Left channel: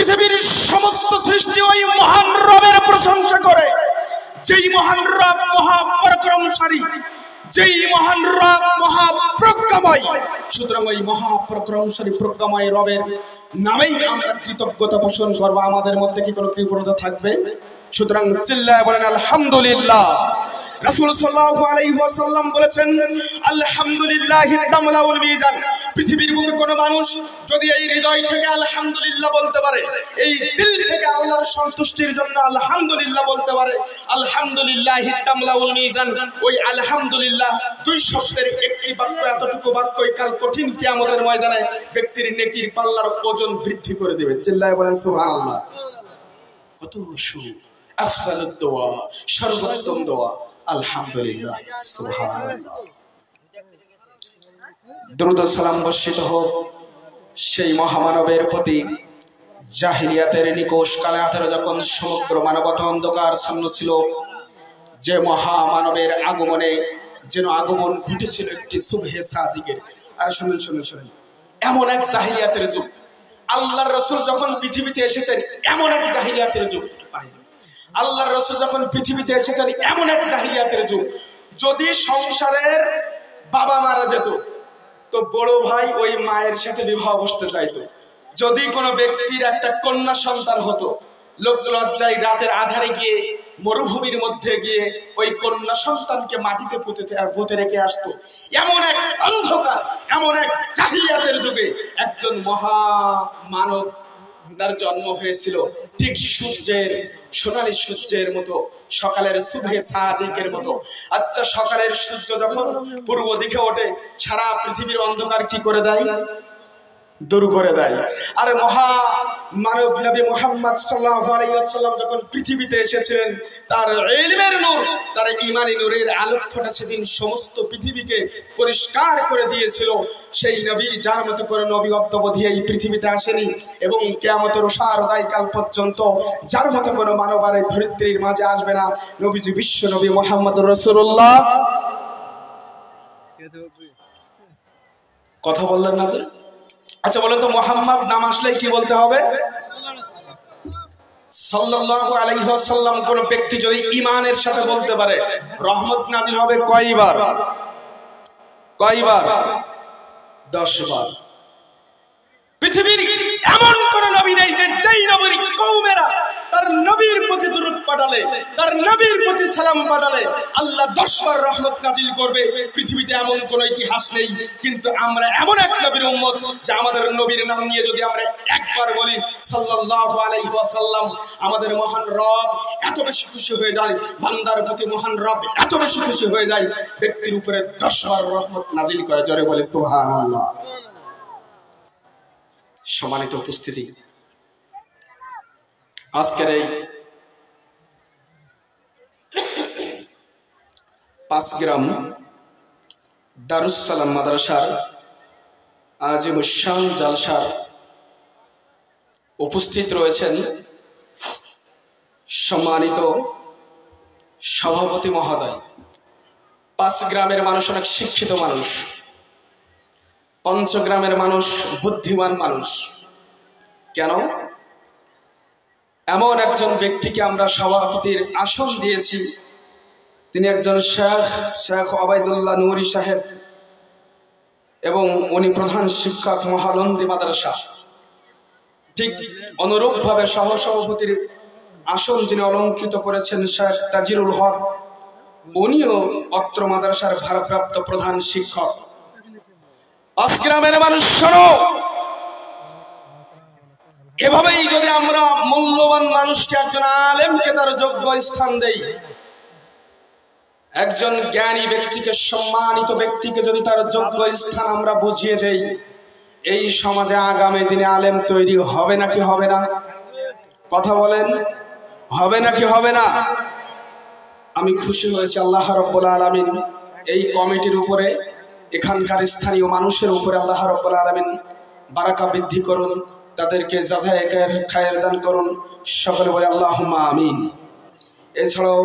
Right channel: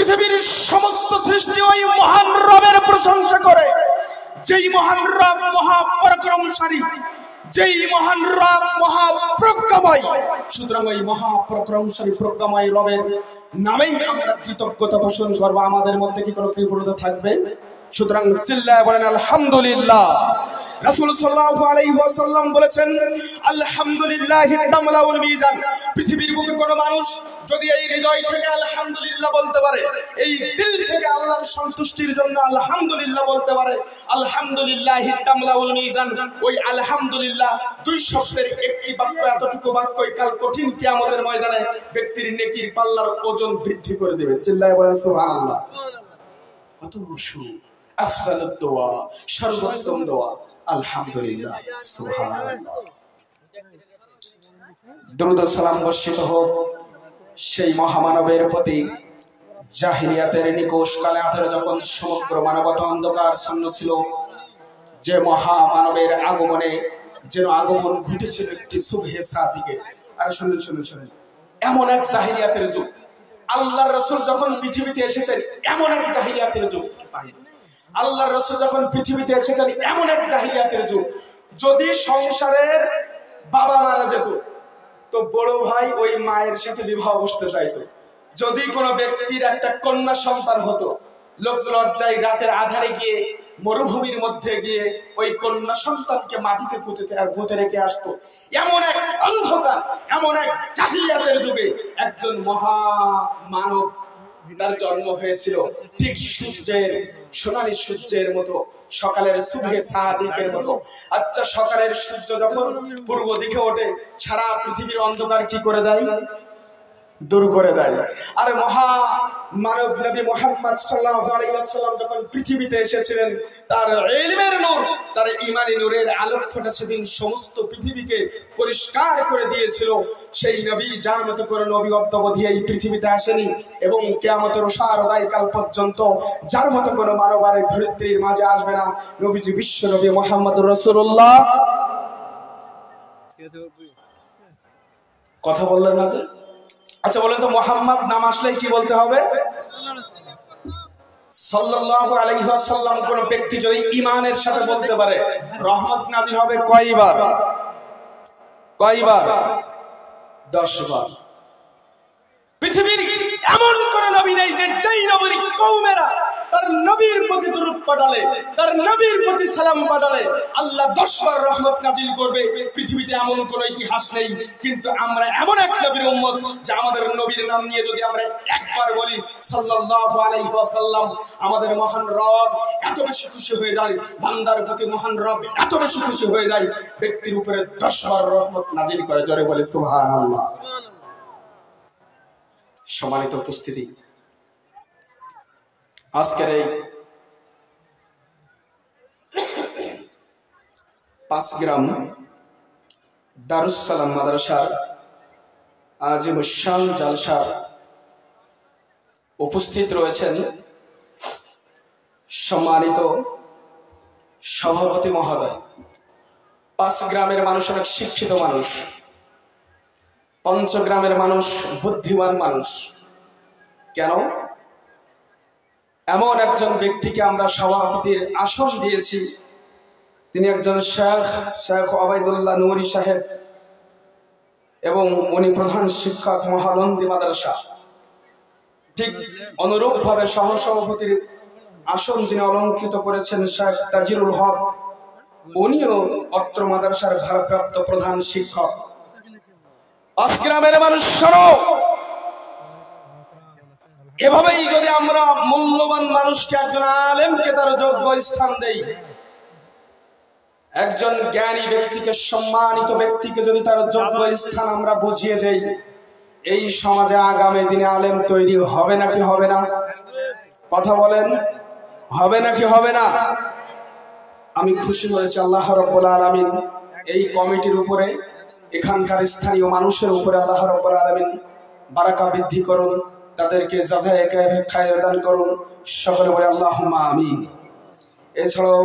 পৃথিবীর সমস্ত সৃষ্টি ওই মহান রবের প্রশংসা করে, যেই মহান রব মহাপরাক্রমশালী, যেই মহান রব মহাপ্রজ্ঞাময়। সুতরাং ওই মহাপরাক্রমশালী প্রজ্ঞাময় রবের নামেই আমরা কৃতজ্ঞতা পোষণ করবো। আমাদের মধ্যে কি কোনো কৃপণতা থাকবে? সুতরাং চিল্লায় বলেন আলহামদুলিল্লাহ। রাসূল সাল্লাল্লাহু আলাইহি ওয়াসাল্লাম বলেছেন, আলহামদুলিল্লাহি তামলাউল মিজান। পৃথিবীর বুকে কোনো মানুষ যদি এই হৃদয় থেকে আলহামদুলিল্লাহ বলতে পারে, এই দিল থেকে আল্লাহর সন্তুষ্টির জন্য আলহামদুলিল্লাহ বলতে পারে, আলহামদুলিল্লাহি তামলাউল মিজান। ওই আলহামদুলিল্লাহ দুই শব্দের একটি বাক্য, এতটুকু বাক্যই কাল কঠিন কিয়ামতের ময়দানে ব্যক্তির নেকির পাল্লার ওজন বৃদ্ধি করে দেবে। চিল্লায় বলেন সুবহানাল্লাহ। কত সুখ, আফজালুদ দোয়া, সর্বোত্তম দোয়া আলহামদুলিল্লাহ, সুবহানাল্লাহ। দরুদ ও সালাম বর্ষিত হোক সেই মহামানবের প্রতি, জাহিলিয়াতের নিকোষ কালে আধারে যখন সমগ্র মানবতা অন্ধকার শূন্য ছিল, যে মহামানবের আগমনে যেন আগমন ঘটেছিল একটি সুবহে সাদিকের। আর শুনুন শুনুন শুনুন, এমন এক জাহিলিয়াতের যুগ, আল্লাহর রাসূল যখন পৃথিবীতে এসেছেন এমন এক জাহিলিয়াতের যুগ। আল্লাহর রাসূল যখন পৃথিবীতে এসেছেন এমন এক জাহিলিয়াতের যুগ, যদি সংসারের বাবা মারা যেত তো বড় ভাই ওই মায়ের সাথে বিবাহ বসতে চাইতো। যদি কোনো ব্যক্তির একটা কন্যা সন্তান হতো, লোক লজ্জায় রাতের আধারে গিয়ে মরুভূমির মধ্যে গিয়ে ওই কন্যা সন্তানকে মাটিতে পুঁতে রেখে আসতো। এমন এক অন্ধকার, এমন এক জাহিলিয়াতের যুগে একজন মহা মানব তার জন্ম হয়েছিল, ঠিক সূর্যের, সোনালী সূর্যের মতো, সকালের সুবহে সাদিকের মতো। আচ্ছা, সকালের সূর্য যখন পূর্ব দিকে ওঠে, সারা পৃথিবীর অন্ধকার কি করে দেয়? দূর করে দেয়। আর মহা মানব নবী মুহাম্মদ সাল্লাল্লাহু আলাইহি ওয়াসাল্লাম যখন পৃথিবীতে এসেছিলেন, তার ইলমের নূর, তার ঈমানি নূরের আলোকটা সেদিন সমস্ত পৃথিবীকে পরিষ্কার করে দিয়েছিল। সেই নবী, যার মতো করে নবী অদ্যাবধি এই পৃথিবীতে আসেনি এবং কিয়ামতের উসারদায়কাল পর্যন্ত যার মতো কোনো মানব আর এই ধরিত্রীর মাঝে আসবে না, নবীজি বিশ্ব নবী মুহাম্মদুর রাসূলুল্লাহ। কথা বললেন না তো? আচ্ছা বলেন তো, মুহাম্মদ নাম আসলেই কি বলতে হবে? সাল্লাল্লাহু আলাইহি ওয়াসাল্লাম। কোন ব্যক্তি যদি ঈমানের সাথে বলতে পারে, রহমত নাযিল হবে কয়বার? কয়বার? 10 বার। পৃথিবীর এমন কোন নবী নেই যে যেই নবীর কওমেরা তার নবীর প্রতি দরুদ পাঠালে, তার নবীর প্রতি সালাম পাঠালে আল্লাহ 10 বার রহমত নাযিল করবে। পৃথিবীতে এমন কোন ইতিহাস নেই। কিন্তু আমরা এমন এক নবীর উম্মত যে আমাদের নবীর নাম নিয়ে যদি আমরা একবার বলি সাল্লাল্লাহু আলাইহি ওয়াসাল্লাম, আমাদের মহান রব এত বেশি খুশি হয়ে যায়, বান্দার প্রতি মহান রব এত বেশি খুশি হয়ে যায়, ব্যক্তির উপরে 10 বার রহমত নাযিল করে। জোরে বলে সুবহানাল্লাহ। সম্মানিত উপস্থিতি, আজকের এই 5 গ্রাম দারুস সালাম মাদ্রাসার আজিমুশ-শান জালসার উপস্থিত রয়েছেন সম্মানিত সভাপতি মহোদয়। 5 গ্রামের মানুষ অনেক শিক্ষিত মানুষ, 5 গ্রামের মানুষ বুদ্ধিমান মানুষ। কেন? এমন একজন ব্যক্তিকে আমরা সভাপতির আসন দিয়েছি, তিনি একজন শেখ ওবায়দুল্লাহ নুরি সাহেব, এবং উনি প্রধান শিক্ষক মহানন্দী মাদ্রাসা। ঠিক অনুরূপভাবে সহসভাপতির আসন যিনি অলঙ্কৃত করেছেন শেখ তাজিরুল হক, উনিও অত্র মাদ্রাসার ভারপ্রাপ্ত প্রধান শিক্ষক। 5 গ্রামের মানুষ শোনো, এভাবেই যদি আমরা মূল্যবান মানুষকে, একজন আলেমকে তার যোগ্য স্থান দেই, একজন জ্ঞানী ব্যক্তিকে, সম্মানিত ব্যক্তিকে যদি তার যোগ্য স্থান আমরা বুঝিয়ে দেই, এই সমাজে আগামী দিনে আলেম তৈরি হবে নাকি হবে না? কথা বলেন, হবে নাকি হবে না? আমি খুশি হয়েছি আল্লাহ রাব্বুল আলামিন এই কমিটির উপরে, এখানকার স্থানীয় মানুষের উপরে আল্লাহ রাব্বুল আলামিন বারাকা বৃদ্ধি করুন, তাদেরকে জাযায়ে খায়ের দান করুন। সকলে বলে আল্লাহুম্মা আমিন। এছাড়াও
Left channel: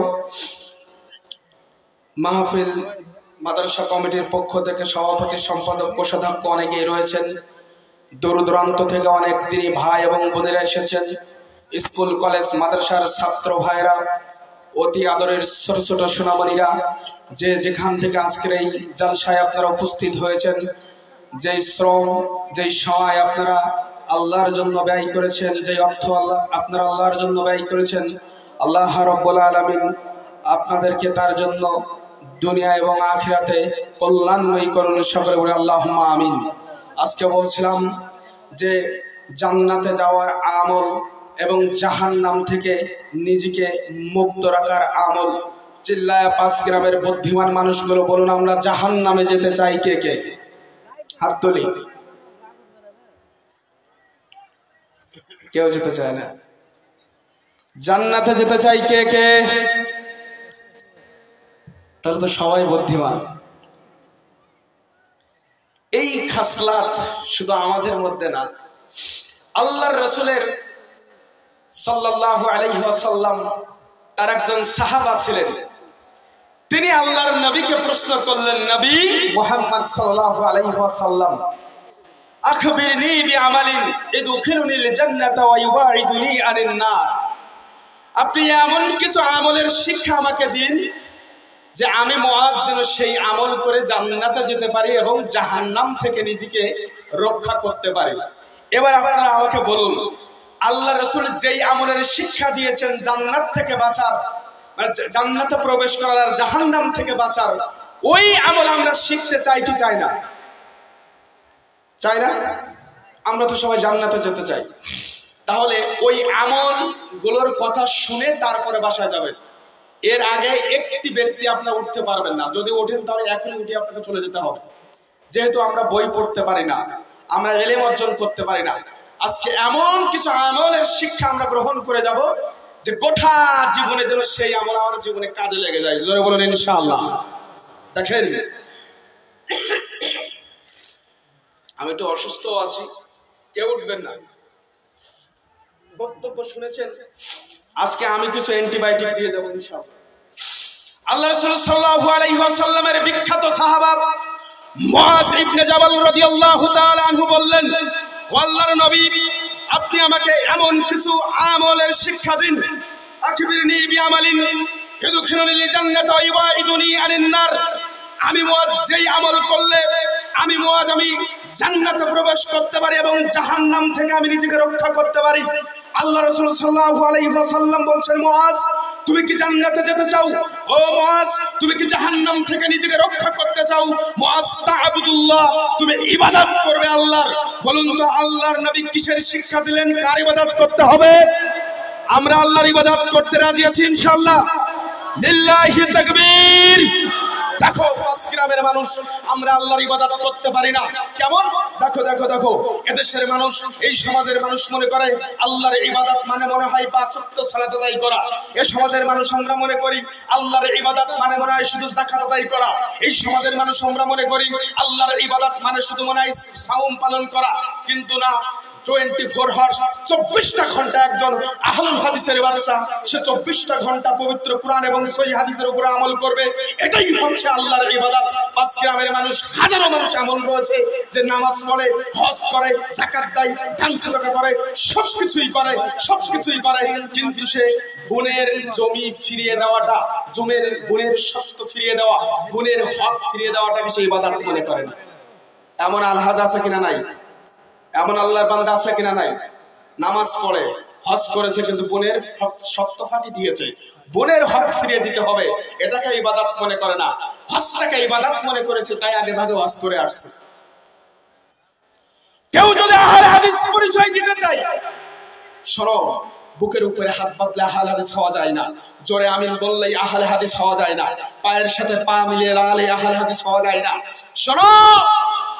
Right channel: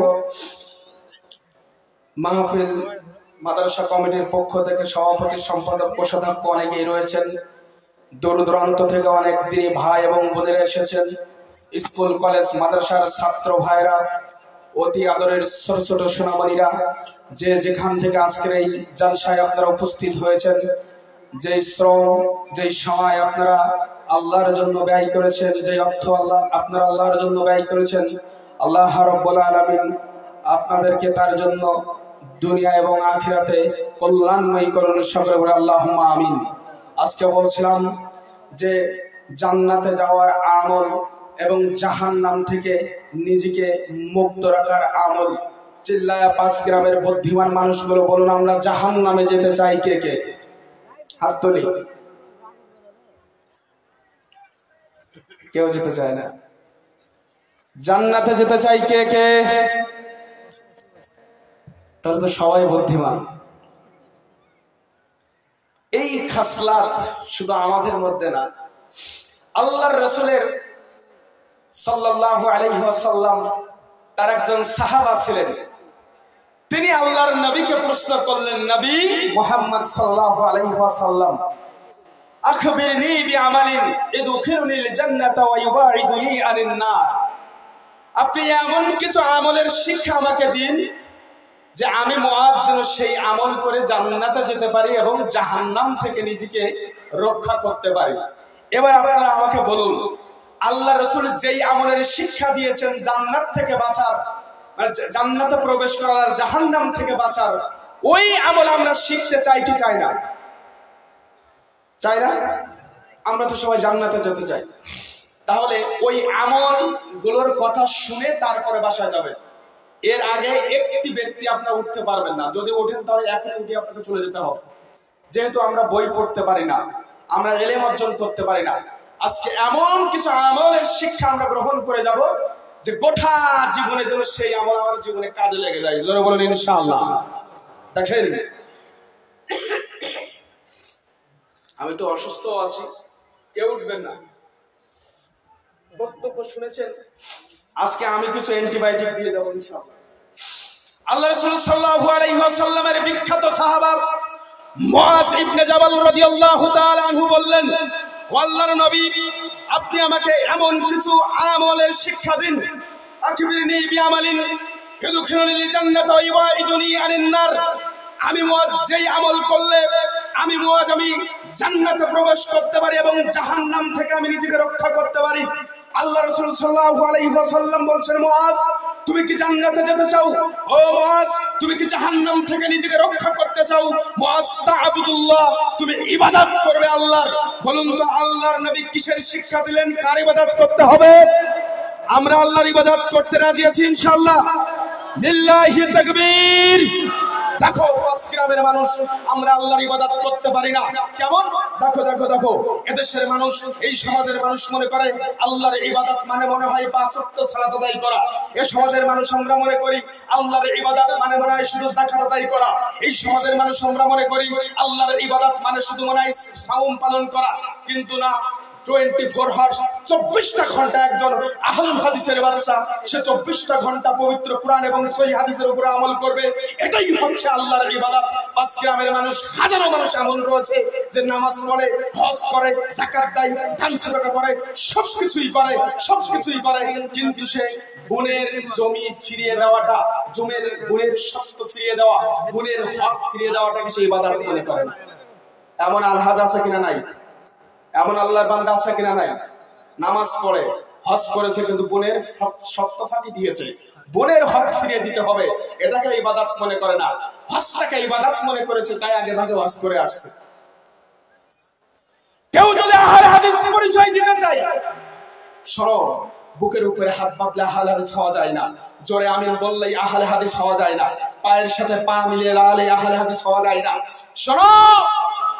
মাহফিল মাদ্রাসা কমিটির পক্ষ থেকে সভাপতি, সম্পাদক, কোষাধ্যক্ষ অনেকেই রয়েছেন, দূর দূরান্ত থেকে অনেক দিনই ভাই এবং বোনেরা এসেছেন, স্কুল কলেজ মাদ্রাসার ছাত্র ভাইরা, অতি আদরের ছোট ছোট সোনামণিরা, যে যেখান থেকে আজকের এই জলসায় আপনারা উপস্থিত হয়েছেন, যেই শ্রম যেই সময় আপনারা আল্লাহর জন্য ব্যয় করেছেন, যেই অর্থ আপনারা আল্লাহর জন্য ব্যয় করেছেন, আল্লাহ রাব্বুল আলামিন আপনাদেরকে তার জন্য দুনিয়া এবং আখিরাতে কল্যাণময়ী করুন। সকলে বলে আল্লাহুম্মা আমিন। আজকে বলছিলাম যে জান্নাতে যাওয়ার আমল এবং জাহান্নাম থেকে নিজেকে মুক্ত রাখার আমল। চিল্লায়া 5 গ্রামের বুদ্ধিমান মানুষগুলো বলুন, আমরা জাহান্নামে যেতে চাই কে কে? হাত তুলি। কেউ যেতে চায় না। জান্নাতে যেতে চাই কে কে? তাহলে তো সবাই বুদ্ধিমান। এই খাসলাত শুধু আমাদের মধ্যে না, আল্লাহর রাসূলের সাল্লাল্লাহু আলাইহি ওয়াসাল্লাম তার একজন সাহাবা ছিলেন। তিনি আল্লাহর নবীকে প্রশ্ন করলেন, নবী মুহাম্মদ সাল্লাল্লাহু আলাইহি ওয়াসাল্লাম, আখবিরনি বিআমালিন ইদখিলুনিল জান্নাতা ওয়া ইউবাইদুনি আনিন নার। আপনি এমন কিছু আমলের শিক্ষা আমাকে দিন যে আমি মুআজ যেন সেই আমল করে জান্নাতে যেতে পারি এবং জাহান্নাম থেকে নিজেকে রক্ষা করতে পারি। এবার আপনারা আমাকে বলুন, আল্লাহ রাসূল যেই আমলের শিক্ষা দিয়েছেন জান্নাত থেকে বাঁচার, মানে জান্নাতে প্রবেশ করার আর জাহান্নাম থেকে বাঁচার, ওই আমল আমরা শিখতে চাই কি চাই না? চাই না? আমরা তো সবাই জান্নাতে যেতে চাই। তাহলে ওই আমল গুলোর কথা শুনে তারপরে বাসায় যাবেন। এর আগে একটি ব্যক্তি আপনারা উঠতে পারবেন না। যদি ওঠেন তাহলে এখনই উঠে আপনাকে চলে যেতে হবে, যেহেতু আমরা বই পড়তে পারি না, আমরা ইলম অর্জন করতে পারি না। আজকে এমন কিছু আমলের শিক্ষা আমরা গ্রহণ করে যাব যে গোটা জীবনে যেন সেই আমল আমার জীবনে কাজে লেগে যায়। জোরে বলুন ইনশাআল্লাহ। দেখেন, আমি একটু অসুস্থ আছি, কেউ উঠবেন না। বক্তব্য শুনেছেন, আজকে আমি কিছু অ্যান্টিবায়োটিক দিয়ে যাব ইনশাআল্লাহ। আল্লাহ রাসূল সাল্লাল্লাহু আলাইহি ওয়াসাল্লামের বিখ্যাত সাহাবা মুআজ ইবনে জাবাল রাদিয়াল্লাহু তাআলা আনহু বললেন, ও আল্লাহর নবী, আপনি আমাকে এমন কিছু আমলের শিক্ষা দিন, আখবিরনি বিআমালিন ইদখিলুনিল জান্নাতা ওয়া ইউবাইদুনি আনিন নার। আমি মুআজ যেই আমল করলে আমি জান্নাতে প্রবেশ করতে পারি এবং জাহান্নাম থেকে আমি নিজেকে রক্ষা করতে পারি। আল্লাহ রাসূল সাল্লাল্লাহু আলাইহি ওয়াসাল্লাম বলছেন, মুআজ তুমি কি জান্নাতে যেতে চাও? ও মুআজ, তুমি কি জাহান্নাম থেকে নিজেকে রক্ষা করতে চাও? মুআজ তা'বুদুল্লাহ, তুমি ইবাদত করবে আল্লাহর। বলুন তো আল্লাহর নবী কিসের শিক্ষা দিলেন? কার ইবাদত করতে হবে? আমরা আল্লাহর ইবাদত করতে রাজি আছি ইনশাআল্লাহ। লিল্লাহি তাকবীর। দেখো 5 গ্রামের মানুষ আমরা আল্লাহর ইবাদত করতে পারি না। কেমন? দেখো দেখো দেখো, এদেশের মানুষ, এই সমাজের মানুষ মনে করে আল্লাহর ইবাদত মানে মনে হয় 5 ওয়াক্ত সালাত আদায় করা। এই সমাজের মানুষ আমরা মনে করি আল্লাহর ইবাদত মানে মনে হয় শুধু যাকাত আদায় করা। এই সমাজের মানুষ আমরা মনে করি আল্লাহর ইবাদত মানে শুধু মনে হয় সাওম পালন করা। কিন্তু না, 24 আওয়ার্স 24টা ঘন্টা একজন আহলুল হাদিসের বাচ্চা সে 24টা ঘন্টা পবিত্র কোরআন এবং সহিহ হাদিসের উপরে আমল করবে। এটাই হচ্ছে আল্লাহর ইবাদত। 5 গ্রামের মানুষ, হাজারো মানুষ এমন রয়েছে যে নামাজ পড়ে, হজ করে, যাকাত দেয়, দান সাদাকা করে, সবকিছুই করে, কিন্তু সে বোনের জমি ফিরিয়ে দেওয়াটা, বোনের সত্য ফিরিয়ে দেওয়া, বোনের হক ফিরিয়ে দেওয়াটাকে সে ইবাদত মনে করে না। এমন আলহাজ আছে কিনা নাই? এমন আল্লাহর বান্দা আছে কিনা নাই? নামাজ পড়ে, হজ করেছে, কিন্তু বোনের সত্য ফাঁকি দিয়েছে, বোনের হক ফিরিয়ে দিতে হবে, এটাকে ইবাদত মনে করে না। হজটাকে ইবাদত মনে করেছে, তাই আগে ভাগে হজ করে আসছে। কেউ যদি আহলে হাদিস পরিচয় দিতে চায়, শোনো, বুকের উপরে হাত বাঁধলে আহলে হাদিস হওয়া যায় না। জোরে আমিন বললেই আহলে হাদিস হওয়া যায় না। পায়ের সাথে পা মিলিয়ে লাগালে আহলে হাদিস হওয়া যায় না। শোনো,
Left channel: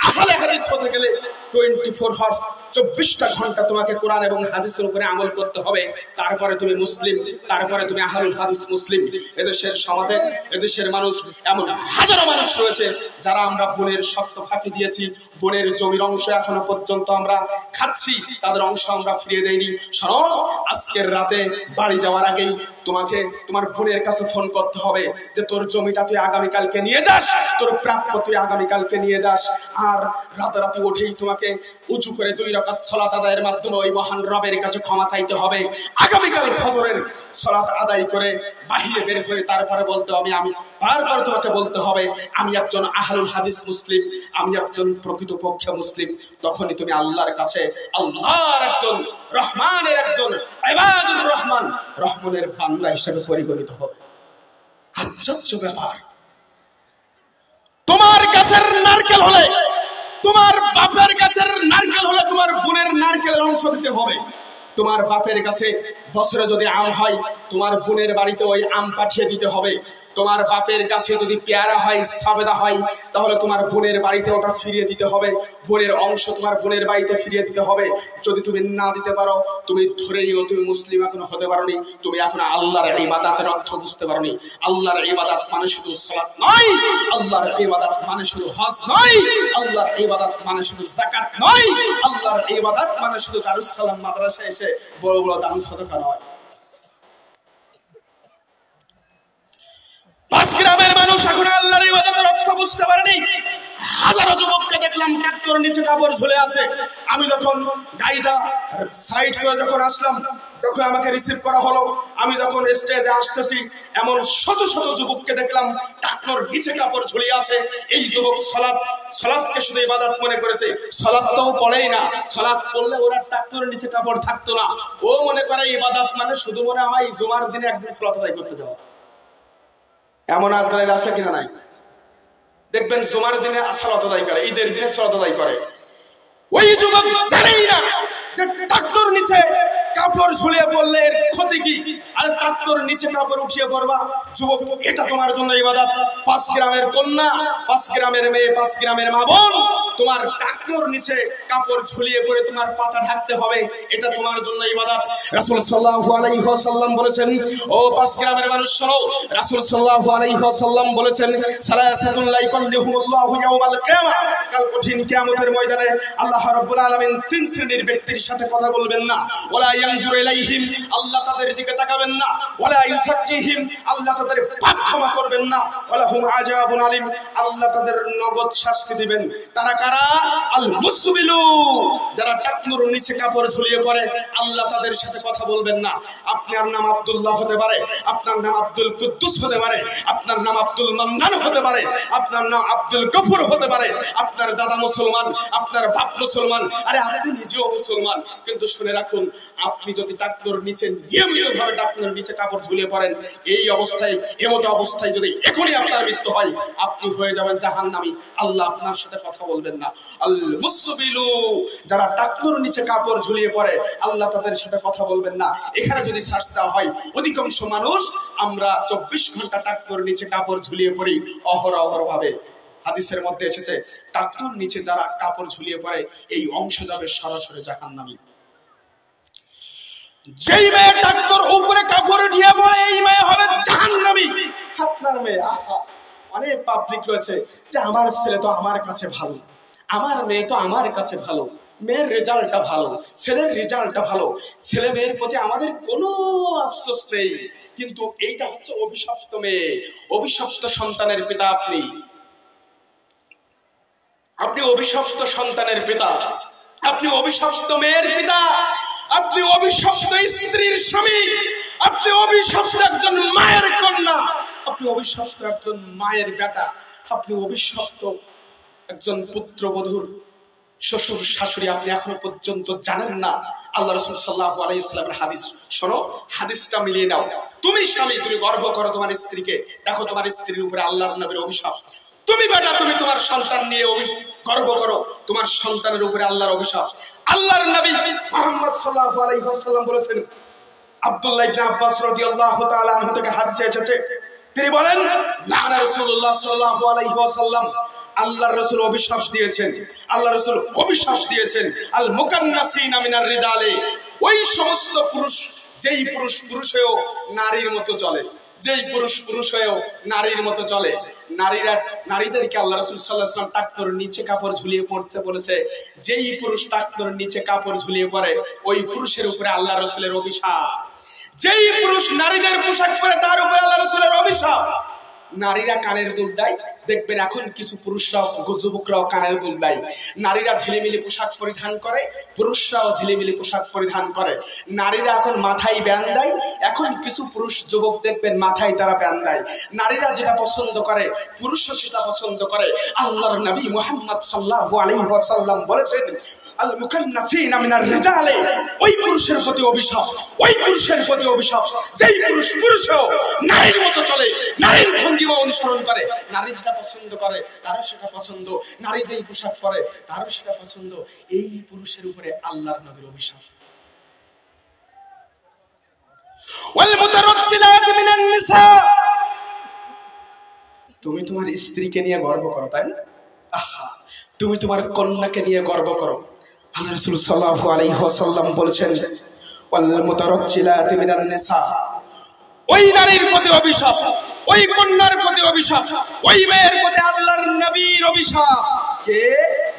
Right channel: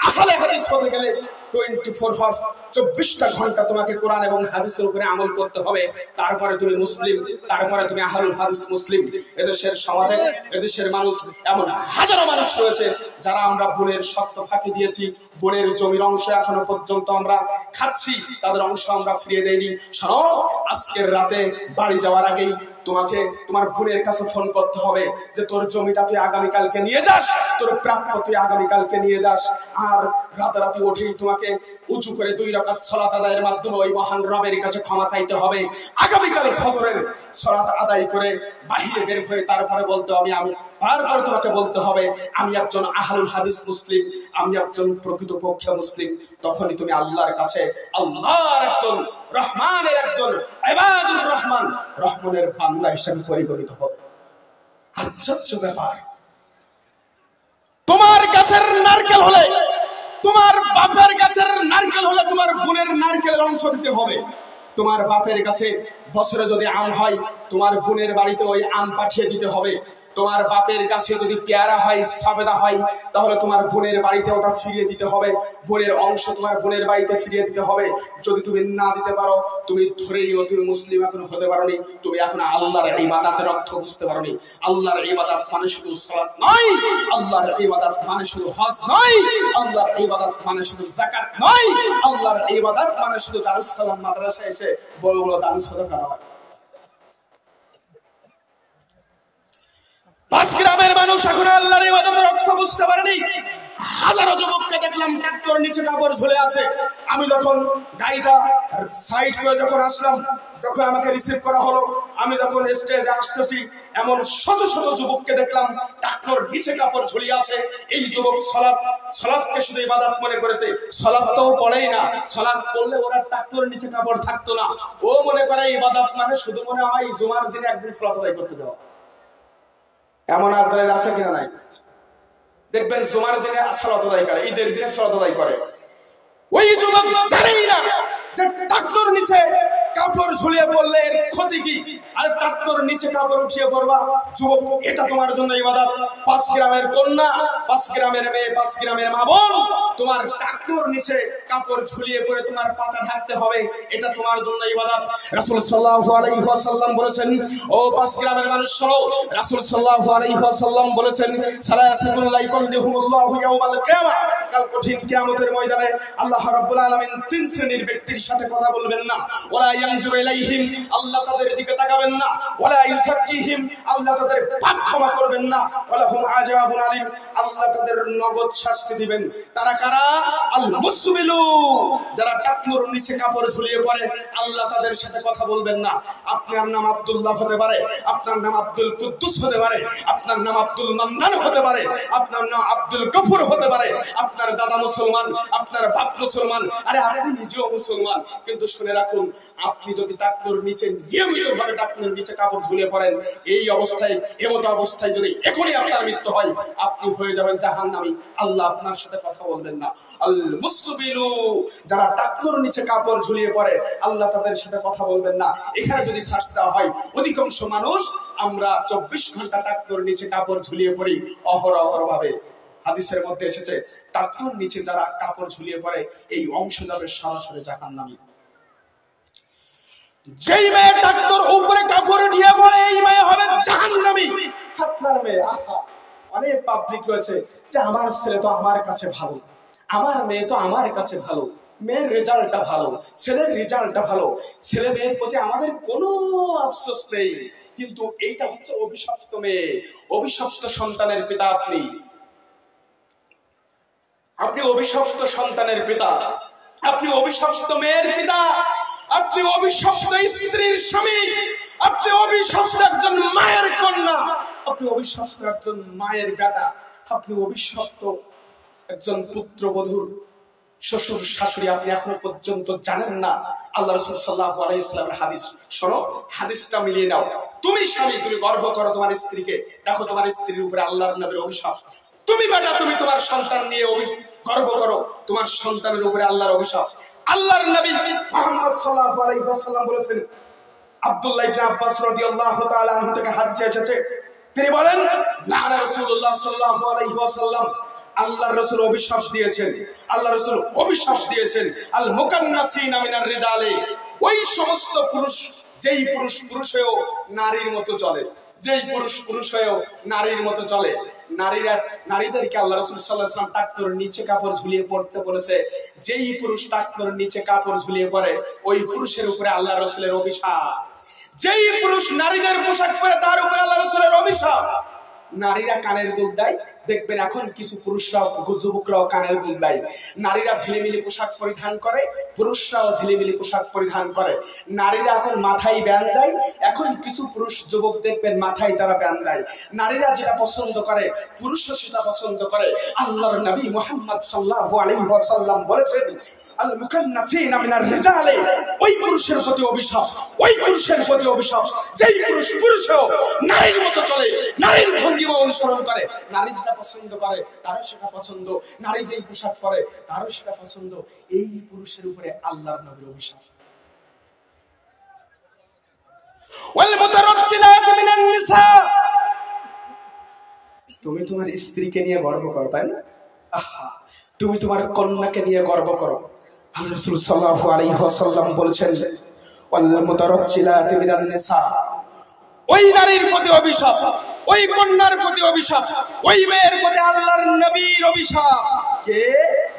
আহলে হাদিস হতে গেলে 24 আওয়ার্স 24টা ঘন্টা তোমাকে কোরআন এবং হাদিসের উপরে আমল করতে হবে, তারপরে তুমি মুসলিম, তারপরে তুমি আহলুল হাদিস মুসলিম। এদেশের সমাজে, এদেশের মানুষ, এমন হাজারো মানুষ রয়েছে যারা আমরা বোনের শর্ত ফাঁকি দিয়েছি, বোনের জমির অংশ এখনো পর্যন্ত আমরা খাচ্ছি, তাদের অংশ আমরা ফিরিয়ে দেইনি। শোনো, আজকের রাতে বাড়ি যাওয়ার আগেই তোমাকে তোমার বোনের কাছে ফোন করতে হবে যে তোর জমিটা তুই আগামীকালকে নিয়ে যাস, তোর প্রাপ্য তুই আগামীকালকে নিয়ে যাস। আর রাতারাতি উঠেই তোমাকে উঁচু করে 2 রাকাত সালাত আদায়ের মাধ্যমে ওই মহান রবের কাছে ক্ষমা চাইতে হবে। আগামীকাল ফজরের সালাত আদায় করে বাহিরে বের হয়ে তারপরে বলতে হবে, আমি বারবার তোমাকে বলতে হবে আমি একজন আহলুল হাদিস মুসলিম, আমি একজন প্রকৃতপক্ষে মুসলিম। তখনই তুমি আল্লাহর কাছে আল্লাহর একজন, রহমানের একজন, ইবাদুর রহমান, রহমানের বান্দা হিসেবে পরিগণিত হবে। আশ্চর্য ব্যাপার, তোমার গাছের নারকেল হলে, তোমার বাপের গাছের নারকেল হলে তোমার বোনের নারকেলের অংশ দিতে হবে। তোমার বাপের কাছে বছরে যদি আম হয়, তোমার বোনের বাড়িতে ওই আম পাঠিয়ে দিতে হবে। তোমার বাপের কাছে যদি পেয়ারা হয়, সবেদা হয়, তাহলে তোমার বোনের বাড়িতে ওটা ফিরিয়ে দিতে হবে। বোনের অংশ তোমার বোনের বাড়িতে ফিরিয়ে দিতে হবে। যদি তুমি না দিতে পারো, তুমি ধরে নিও তুমি মুসলিম এখনো হতে পারোনি, তুমি এখনো আল্লাহর ইবাদতের অর্থ বুঝতে পারোনি। আল্লাহর ইবাদত মানে শুধু সালাত নয়, আল্লাহর ইবাদত মানে শুধু হজ নয়, আল্লাহর ইবাদত মানে শুধু যাকাত নয়, আল্লাহর ইবাদত মানে শুধু দারুস সালাম মাদ্রাসায় এসে বড় বড় দান সাদাকা নয়। 5 গ্রামের মানুষ এখন আল্লাহর ইবাদতের অর্থ বুঝতে পারেনি। হাজারো যুবককে দেখলাম ট্রাক্টর নিচে কাপড় ঝুলে আছে। আমি যখন গাড়িটা সাইড করে যখন আসলাম, যখন আমাকে রিসিভ করা হলো, আমি যখন স্টেজে আসতেছি, এমন শত শত যুবককে দেখলাম ট্রাক্টর নিচে কাপড় ঝুলিয়ে আছে। এই যুবক সালাতকে শুধু ইবাদত মনে করেছে, সালাতটাও পড়েই না। সালাত পড়লে ওরা ট্রাক্টরের নিচে কাপড় থাকতো না। ও মনে করে ইবাদত মানে শুধু মনে হয় জুমার দিনে একদিন সালাত আদায় করতে যাওয়া। এমন আজরাইল আছে কিনা নাই? দেখবেন জুমার দিনে সালাত আদায় করে, ঈদের দিনে সালাত আদায় করে। ওই যুবক জানেই না যে ট্রাক্টর নিচে কাপড় ঝুলিয়ে পড়লে এর ক্ষতি কি, আর ট্রাক্টর নিচে কাপড় উঠিয়ে পড়বা। যুবক, এটা তোমার জন্য ইবাদত। 5 গ্রামের কন্যা, 5 গ্রামের মেয়ে, 5 গ্রামের মা বোন, তোমার ট্রাক্টর নিচে কাপড় ঝুলিয়ে পড়ে তোমার পাতা ঢাকতে হবে, এটা তোমার জন্য ইবাদত। রাসূল সাল্লাল্লাহু আলাইহি ওয়াসাল্লাম বলেছেন, ও 5 গ্রামের মানুষ শোনো, রাসূল সাল্লাল্লাহু আলাইহি ওয়াসাল্লাম বলেছেন, সালাসাতুন লা ইকাল্লিহুমুল্লাহু ইয়াওমাল কিয়ামা, কাল কঠিন কিয়ামতের ময়দানে আল্লাহ রাব্বুল আলামিন 3 শ্রেণীর ব্যক্তির সাথে কথা বলবেন না। ওয়ালা ইয়ানজুরু ইলাইহিম, আল্লাহ তাদের দিকে তাকাবেন না। ওয়ালা ইউযাক্কিহিম, আল্লাহ তাদের পাপ ক্ষমা করবেন না। ওয়ালা হুম আযাবুন আলিম, আল্লাহ তাদের নগদ শাস্তি দিবেন। তারা কারা? আল মুসবিলু, যারা টাকমুর নিচে কাপড় ঝুলিয়ে পড়ে, আল্লাহ তাদের সাথে কথা বলবেন না। আপনার নাম আব্দুল্লাহ হতে পারে, আপনার নাম আব্দুল কুদ্দুস হতে পারে, আপনার নাম আব্দুল মান্নান হতে পারে, আপনার নাম আব্দুল গফুর হতে পারে, আপনার দাদা মুসলমান, আপনার বাপ মুসলমান, আরে আপনি নিজেও মুসলমান, কিন্তু শুনে রাখুন, আপনি যদি টাকমুর নিচে নিয়মিতভাবে টাকমুর নিচে কাপড় ঝুলিয়ে পড়েন, এই অবস্থায়, এমতো অবস্থায় যদি এখনই আপনার মৃত্যু হয়, আপনি হয়ে যাবেন জাহান্নামী। আল্লাহ আপনার সাথে কথা বলবেন না। আল মুসবিলু, যারা টাকনুর নিচে কাপড় ঝুলিয়ে পড়ে, আল্লাহ তাদের সাথে কথা বলবেন না। এখানে যদি সার্চ দেওয়া হয়, অধিকাংশ মানুষ আমরা 24 ঘন্টা টাকনুর নিচে কাপড় ঝুলিয়ে পড়ি অহরহ ভাবে। হাদিসের মধ্যে এসেছে, টাকনুর নিচে যারা কাপড় ঝুলিয়ে পড়ে, এই অংশ যাবে সরাসরি জাহান্নামী। যেই মেয়ে টাকনুর উপরে কাপড় উঠিয়ে পড়ে, এই মেয়ে হবে জাহান্নামী। আপনার মেয়ে, আহা, অনেক পাবলিক রয়েছে যে আমার ছেলে তো আমার কাছে ভালো, আমার মেয়ে তো আমার কাছে ভালো, মেয়ের রেজাল্টটা ভালো, ছেলের রেজাল্টটা ভালো, ছেলে মেয়ের প্রতি আমাদের কোনো আফসোস নেই। কিন্তু এইটা হচ্ছে অভিশপ্ত মেয়ে, অভিশপ্ত সন্তানের পিতা। আপনি অভিশপ্ত সন্তানের পিতা, আপনি অভিশপ্ত মেয়ের পিতা, আপনি অভিশপ্ত স্ত্রীর স্বামী, আপনি অভিশপ্ত একজন মায়ের কন্যা, আপনি অভিশপ্ত একজন মায়ের বেটা, আপনি অভিশপ্ত একজন পুত্রবধূর শ্বশুর শাশুড়ি। আপনি এখনো পর্যন্ত জানেন না আল্লাহ রাসূল সাল্লাল্লাহু আলাইহি ওয়াসাল্লামের হাদিস। শোনো, হাদিসটা মিলিয়ে নাও। তুমি স্বামী, তুমি গর্ব করো তোমার স্ত্রীকে, দেখো তোমার স্ত্রীর উপরে আল্লাহর নবীর অভিশাপ। তুমি বেটা, তুমি তোমার সন্তান নিয়ে গর্ব করো, তোমার সন্তানের উপরে আল্লাহর অভিশাপ। আল্লাহর নবী মুহাম্মদ সাল্লাল্লাহু আলাইহি ওয়াসাল্লাম বলেছেন, আব্দুল্লাহ ইবনে আব্বাস রাদিয়াল্লাহু তাআলা আনহু থেকে হাদিসে এসেছে, তিনি বলেন, লানা রাসূলুল্লাহ সাল্লাল্লাহু আলাইহি ওয়াসাল্লাম আল্লাহর রাসূল অভিশাপ দিয়েছেন, আল্লাহ রাসূল অভিশাপ দিয়েছেন আল মুকান্নাসিনা মিনার রিজালে, ওই সমস্ত পুরুষ যেই পুরুষ হয়েও নারীর মতো চলে, যেই পুরুষ হয়েও নারীর মতো চলে। নারীদেরকে আল্লাহ রাসূল সাল্লাল্লাহু আলাইহি ওয়াসাল্লাম টাকনোর নিচে কাপড় ঝুলিয়ে পড়তে বলেছে। যেই পুরুষ টাকনোর নিচে কাপড় ঝুলিয়ে পড়ে ওই পুরুষের উপরে আল্লাহ রাসূলের অভিশাপ। যেই পুরুষ নারীদের পোশাক পরে তার উপরে আল্লাহ রাসূলের অভিশাপ। নারীরা কানের দুল দেয়, দেখবেন এখন কিছু পুরুষরাও যুবকরাও কানের দুল দেয়। নারীরা ঝিলিমিলি পোশাক পরিধান করে, পুরুষরাও ঝিলিমিলি পোশাক পরিধান করে। নারীরা এখন মাথায় ব্যান্ড দেয়, এখন কিছু পুরুষ যুবক দেখবেন মাথায় তারা ব্যান্ড দেয়। নারীরা যেটা পছন্দ করে পুরুষও সেটা পছন্দ করে। আল্লাহর নবী মুহাম্মদ সাল্লাল্লাহু আলাইহি ওয়াসাল্লাম বলেছেন আল মুকান্নাসিনা মিনার রিজালে, ওই পুরুষের প্রতি অভিশাপ, ওই পুরুষের প্রতি অভিশাপ যেই পুরুষও নারীর মতো চলে, নারীর ভঙ্গিমা অনুসরণ করে। নারী যেটা পছন্দ করে তারও সেটা পছন্দ, নারী যেই পোশাক পরে তারও সেটা পছন্দ। এই পুরুষের উপরে আল্লাহর নবীর অভিশাপ। ওয়াল মুতারাজ্জিলাত মিনান নিসা, তুমি তোমার স্ত্রীকে নিয়ে গর্ব করো, তাই না? আহা, তুমি তোমার কন্যাকে নিয়ে গর্ব করো। আল্লাহ রাসূল সাল্লাল্লাহু আলাইহি ওয়াসাল্লাম বলেছেন ওয়াল মুতারাজ্জিলাত মিনান নিসা, ওই নারীর প্রতি অভিশাপ, ওই কন্যার প্রতি অভিশাপ, ওই মেয়ের প্রতি আল্লাহর নবীর অভিশাপ। কে?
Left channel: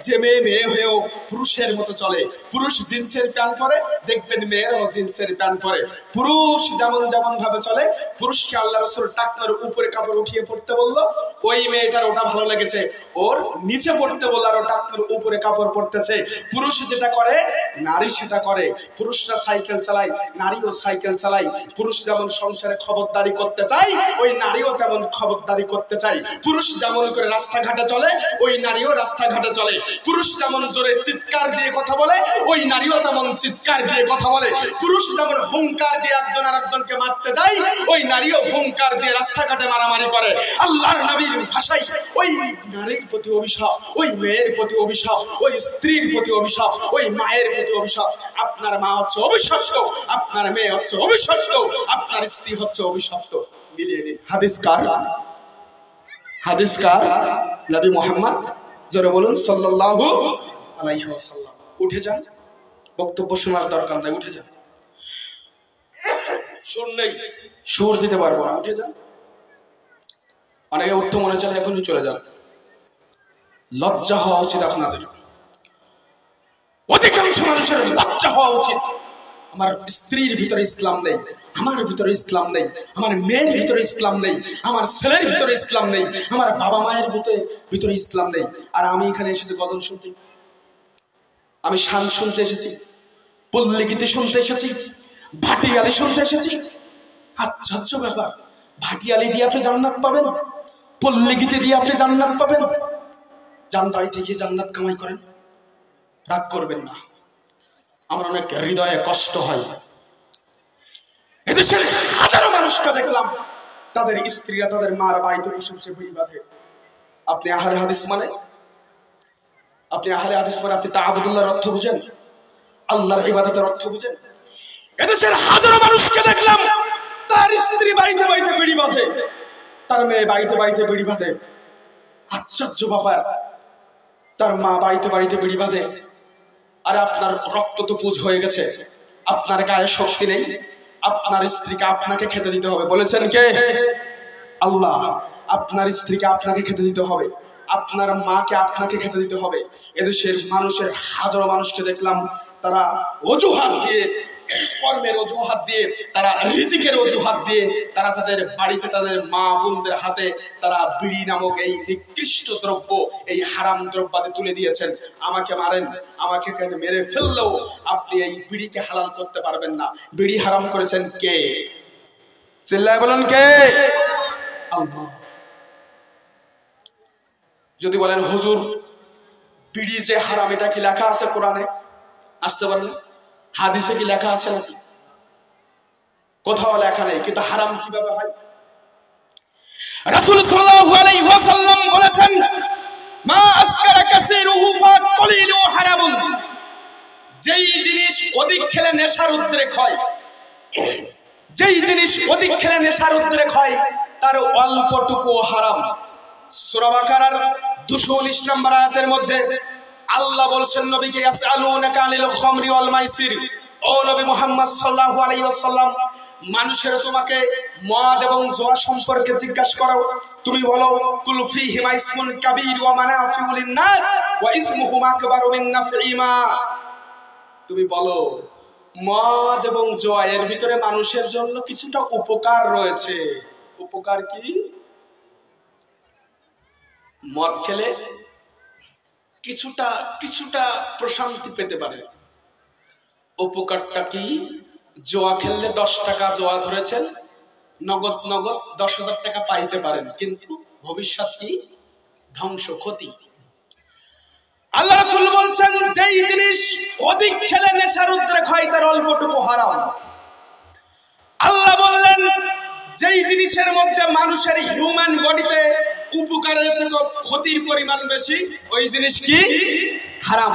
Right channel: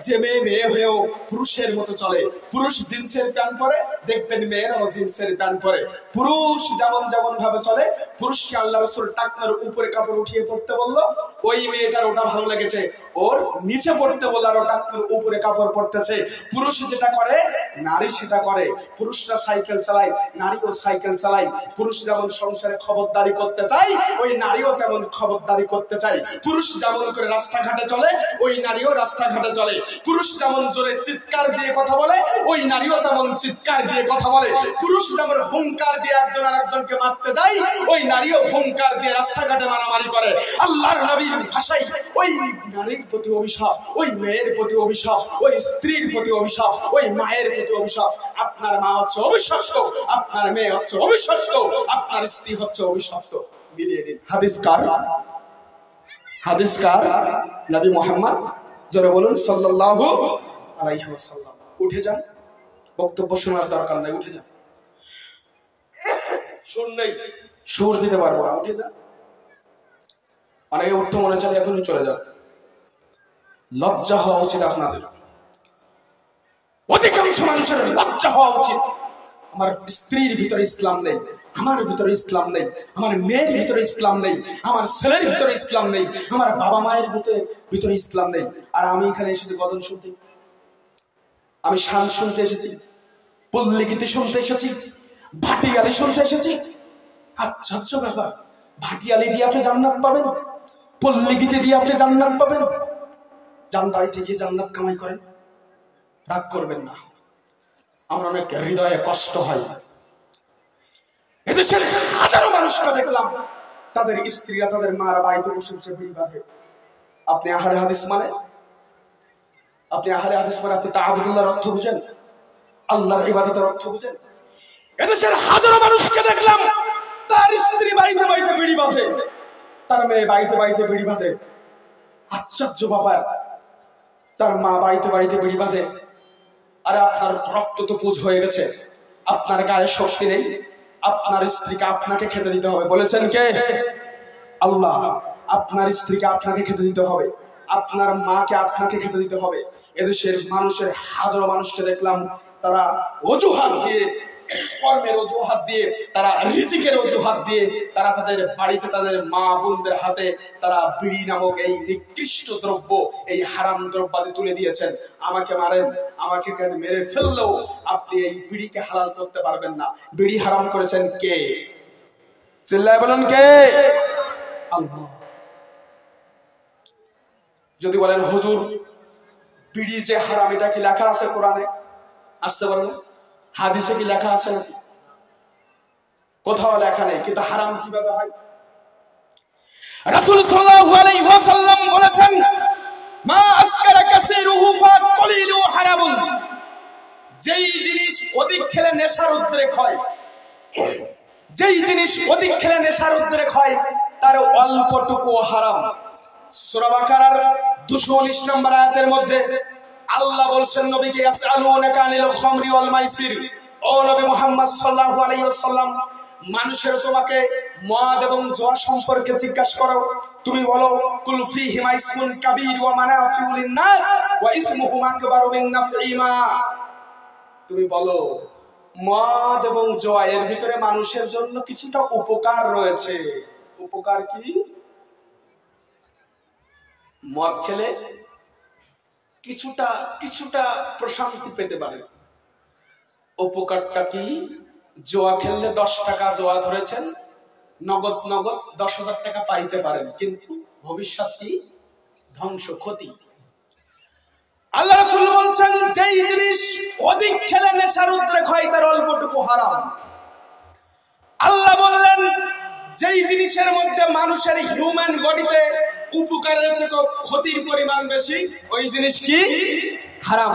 যে মেয়ে হয়েও পুরুষের মতো চলে। পুরুষ জিন্সের প্যান্ট পরে, দেখবেন মেয়েরাও জিন্সের প্যান্ট পরে। পুরুষ যেমন ভাবে চলে, পুরুষকে আল্লাহ রাসূল টাকনার উপরে কাপড় উঠিয়ে পড়তে বললো, ওই মেয়েটার ওটা ভালো লেগেছে, ওর নিচে পড়তে বললো আর ও টাকনার উপরে কাপড় পরতেছে। পুরুষ যেটা করে নারী সেটা করে। পুরুষরা সাইকেল চালায়, নারীও সাইকেল চালায়। পুরুষ যেমন সংসারে খবরদারি করতে চায়, ওই নারীও তেমন খবরদারি করতে চায়। পুরুষ যেমন করে রাস্তাঘাটে চলে, ওই নারীও রাস্তাঘাটে চলে। পুরুষ যেমন জোরে চিৎকার দিয়ে কথা বলে, ওই নারীও তেমন চিৎকার দিয়ে কথা বলে। পুরুষ যেমন হুঙ্কার দিয়ে একজন আরেকজনকে মারতে যায়, ওই নারীও হুঙ্কার দিয়ে রাস্তাঘাটে মারামারি করে। আল্লাহর নবীর ভাষায় ওই নারীর প্রতি অভিশাপ, ওই মেয়ের প্রতি অভিশাপ, ওই স্ত্রীর প্রতি অভিশাপ, ওই মায়ের প্রতি অভিশাপ। আপনার মা হচ্ছে অভিশপ্ত, আপনার মেয়ে হচ্ছে অভিশপ্ত, আপনার স্ত্রী হচ্ছে অভিশপ্ত। মিলিয়ে নিন। হাদিসকার নবী মুহাম্মদ, জোরে বলুন সাল্লাল্লাহু আলাইহি ওয়াসাল্লাম। উঠে যান, বক্তব্য শোনার দরকার নাই, উঠে যান। সুর নেই, সুর দিতে পারবো না, উঠে যান। অনেকে উঠতে মনে চলে, এখনই চলে যান। লজ্জা হওয়া উচিত আপনাদের, অধিকাংশ মানুষের লজ্জা হওয়া উচিত। আমার স্ত্রীর ভিতরে ইসলাম নেই, আমার ভিতরে ইসলাম নেই, আমার মেয়ের ভিতরে ইসলাম নেই, আমার ছেলের ভিতরে ইসলাম নেই, আমার বাবা মায়ের ভিতরে ইসলাম নেই। আর আমি এখানে এসেছি গজল শুনতে, আমি শান শুনতে এসেছি, পল্লী গীতি শুনতে এসেছি, ভাটিয়ালি শুনতে এসেছি। আশ্চর্য ব্যাপার, ভাটিয়ালি দিয়ে আপনি জান্নাত পাবেন, পল্লী গীতি দিয়ে আপনি জান্নাত পাবেন। যান বাড়িতে গিয়ে জান্নাত কামাই করেন, রাগ করবেন না। আমার অনেক হৃদয়ে কষ্ট হয়। এদেশের হাজারো মানুষকে দেখলাম তাদের স্ত্রীরা তাদের মারা বাড়িতে বসে বসে বিড়ি বাঁধে। আপনি আহলে হাদিস মানে, আপনি তাআবুদুল্লাহর অর্থ বুঝেন, আল্লাহর ইবাদতের অর্থ বুঝেন? এদেশের হাজারো মানুষকে দেখলাম তার স্ত্রী বাড়িতে বাড়িতে বিড়ি বাঁধে, তার মেয়ে বাড়িতে বাড়িতে বিড়ি বাঁধে। আশ্চর্য ব্যাপার, তার মা বাড়িতে বাড়িতে বিড়ি বাঁধে। আরে আপনার রক্ত তো পুজ হয়ে গেছে, আপনার গায়ে শক্তি নেই, আপনার স্ত্রীকে আপনাকে খেতে দিতে হবে। বলেছেন কে? আল্লাহ। আপনার স্ত্রীকে আপনাকে খেতে দিতে হবে, আপনার মাকে আপনাকে খেতে দিতে হবে। এদেশের মানুষের হাজারো মানুষকে দেখলাম তারা অজুহাত দিয়ে, কর্মের অজুহাত দিয়ে, তারা রিজিকের অজুহাত দিয়ে তারা তাদের বাড়িতে তাদের মা বোনদের হাতে তারা বিড়ি নামক এই নিকৃষ্ট দ্রব্য, এই হারাম দ্রব্যাদি তুলে দিয়েছেন। আমাকে মারেন, আমাকে কেন মেরে ফেললেও আপনি এই বিড়িকে হালাল করতে পারবেন না। বিড়ি হারাম করেছেন কে? চিল্লায় বলুন কে? আল্লাহ। যদি বলেন হুজুর বিড়ি যে হারাম, এটা কি লেখা আছে কোরআনে? আসতে পারে না। হাদিসে কি লেখা আছে নাকি? কোথাও লেখা নেই। কিন্তু হারাম কিভাবে হয়? রাসূল সাল্লাল্লাহু আলাইহি ওয়াসাল্লাম বলেছেন, মা আসকারা কাসীরুহু ফাকলিলু হারামুন। যেই জিনিস অধিক খেলে নেশার উদ্রেক হয়, যেই জিনিস অধিক খেলে নেশার উদ্রেক হয়, তার অল্পটুকু হারাম। সূরা বাকারার 219 নম্বর আয়াতের মধ্যে আল্লাহ বলছেন নবীকে, ইয়াসআলুনাকা আনিল খামরি ওয়াল মাইসির, ও নবী মুহাম্মদ সাল্লাল্লাহু আলাইহি ওয়াসাল্লাম, মানুষের তোমাকে মদ এবং জুয়া সম্পর্কে জিজ্ঞাসা করো, তুমি বলো কুল ফীহিমা ইসমুন কাবীর ওয়া মানাফিউ লিন-নাস ওয়া ইসমুহুমা আকবারু মিন নাফঈমা। তুমি বলো মদ এবং জুয়া এর ভিতরে মানুষের জন্য কিছুটা উপকার রয়েছে। উপকার কি? মদ খেলে কিছুটা প্রশান্তি পেতে পারে। উপকারটা কি? জোয়া খেললে 10 টাকা জোয়া ধরেছেন, নগদ 10,000 টাকা পাইতে পারেন, কিন্তু ভবিষ্যৎ কি? ধ্বংস, ক্ষতি। আল্লাহ রাসূল বলছেন যেই জিনিস অধিক খেলে নেশার উদ্রেক হয় তার অল্পটুকু হারাম। আল্লাহ বললেন যেই জিনিসের মধ্যে মানুষের হিউম্যান বডিতে উপকারের থেকে ক্ষতির পরিমাণ বেশি, ওই জিনিস কি? হারাম।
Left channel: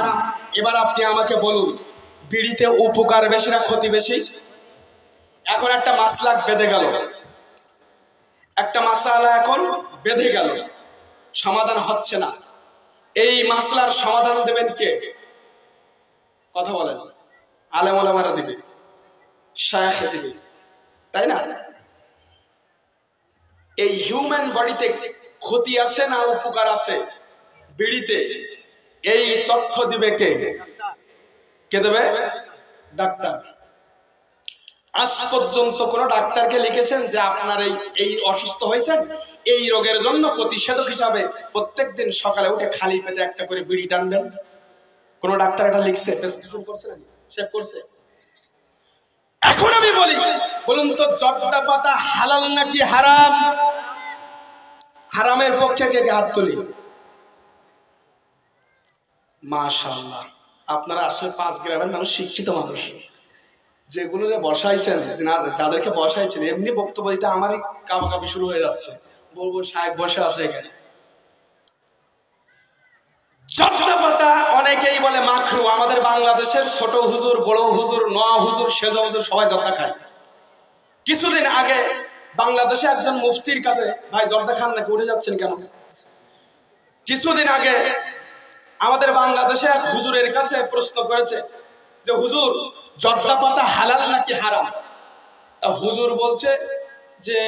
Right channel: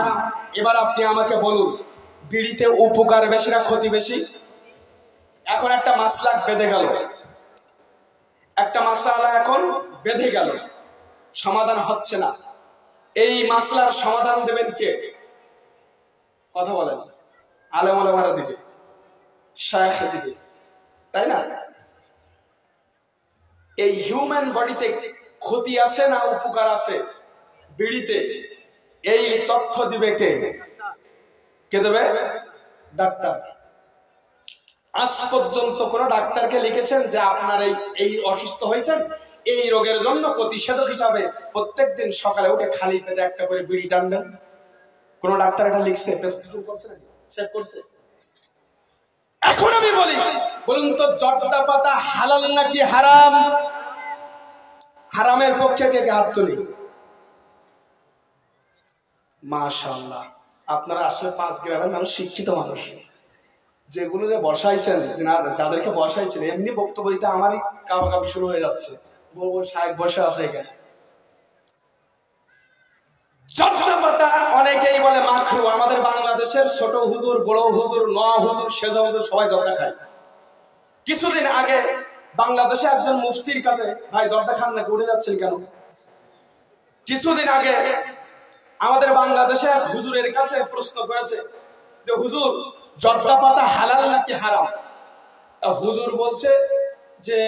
এবার আপনি আমাকে বলুন, বিড়িতে উপকার বেশি না ক্ষতি বেশি? এখন একটা মাসলা বেঁধে গেল, একটা মাসআলা এখন বেঁধে গেল, সমাধান হচ্ছে না। এই মাসলার সমাধান দেবেন কে? কথা বলেন। আলেম ওলামারা দিবে, শায়েখ দিবে, তাই না? এই হিউম্যান বডিতে ক্ষতি আছে না উপকার আছে বিড়িতে, এই তথ্য দিবে কে? কে দেবে? ডাক্তার। আজ পর্যন্ত কোন ডাক্তারকে লিখেছেন যে আপনার এই অসুস্থ হয়েছেন, এই রোগের জন্য প্রতিষেধক হিসাবে প্রত্যেকদিন সকালে উঠে খালি পেটে একটা করে বিড়ি টানবেন? কোন ডাক্তার এটা লিখছে? প্রেসক্রিপশন করছে নাকি? চেক করছে? এখন আমি বলি, বলুন তো জর্দা পাতা হালাল নাকি হারাম? হারামের পক্ষে কে কে হাত তুলি? মাশাআল্লাহ, আপনারা আসলে 5 গ্রামের মানুষ, শিক্ষিত মানুষ। যেগুলো বসাইছেন, যাদেরকে বসাইছেন, এমনি বক্তব্য দিতে আমারই কাবাকাবি শুরু হয়ে যাচ্ছে। বলবো শায়েখ বসে আছে এখানে। জর্দা পাতা অনেকেই বলে মাখরু। আমাদের বাংলাদেশের ছোট হুজুর, বড় হুজুর, নোয়া হুজুর, সেজা হুজুর সবাই জর্দা খায়। কিছুদিন আগে বাংলাদেশে একজন মুফতির কাছে, ভাই জর্দা খান নাকি, উঠে যাচ্ছেন কেন? কিছুদিন আগে আমাদের বাংলাদেশে এক হুজুরের কাছে প্রশ্ন করেছে যে হুজুর জর্দা পাতা হালাল নাকি হারাম? তা হুজুর বলছে যে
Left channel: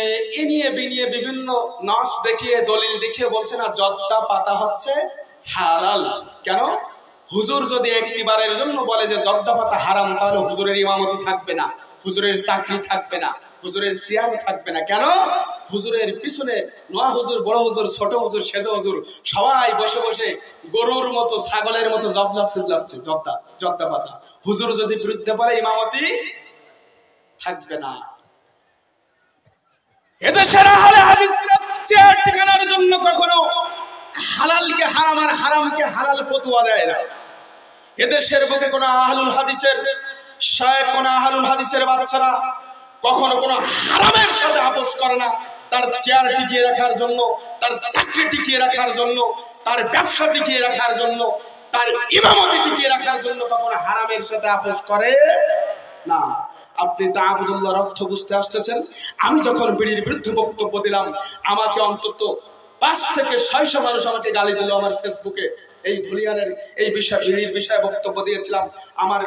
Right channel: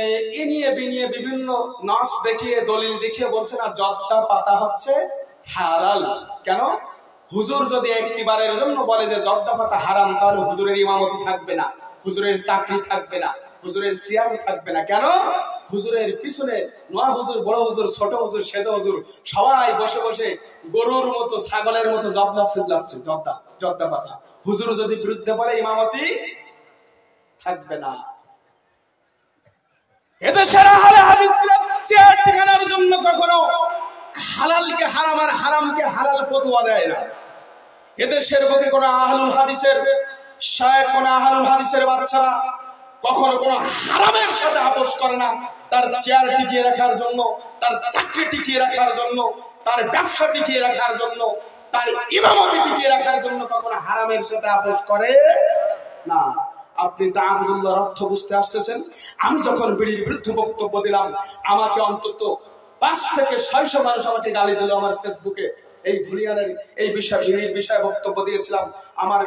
এ নিয়ে বিনিয়ে বিভিন্ন নাস দেখিয়ে, দলিল দেখিয়ে বলছে না, জর্দা পাতা হচ্ছে হালাল। কেন? হুজুর যদি একটিবারের জন্য বলে যে জর্দা পাতা হারাম, তাহলে হুজুরের ইমামতি থাকবে না, হুজুরের চাকরি থাকবে না, হুজুরের সিয়ার থাকবে না। কেন? হুজুরের পিছনে নোয়া হুজুর, বড় হুজুর, ছোট হুজুর, সেজা হুজুর সবাই বসে বসে গরুর মতো, ছাগলের মতো জবলা চিল্লাচ্ছে জর্দা পাতা। হুজুর যদি বিরুদ্ধে বলে, ইমামতি থাকবে না। এদেশের আহলে হাদিসরা চেয়ার ঠিকানার জন্য কখনো হালালকে হারাম আর হারামকে হালাল ফতোয়া দেয় না। এদেশের বুকে কোন আহলুল হাদিসের শায়েখ, কোন আহলুল হাদিসের বাচ্চারা কখনো কোনো হারামের সাথে আপোষ করে না। তার চেয়ার টিকিয়ে রাখার জন্য, তার চাকরি টিকিয়ে রাখার জন্য, তার ব্যবসা টিকিয়ে রাখার জন্য, তার ইমামতি টিকিয়ে রাখার জন্য কখনো হারামের সাথে আপোষ করে না। আপনি তাআবুদুল্লাহর অর্থ বুঝতে আসতেছেন। আমি যখন বিড়ির বিরুদ্ধে বক্তব্য দিলাম, আমাকে অন্তত 5 থেকে 600 মানুষ আমাকে গালি দিল। আমার ফেসবুকে এই ধুলিয়ানের এই বিষয়, বিড়ির বিষয়ে বক্তব্য দিয়েছিলাম। আমার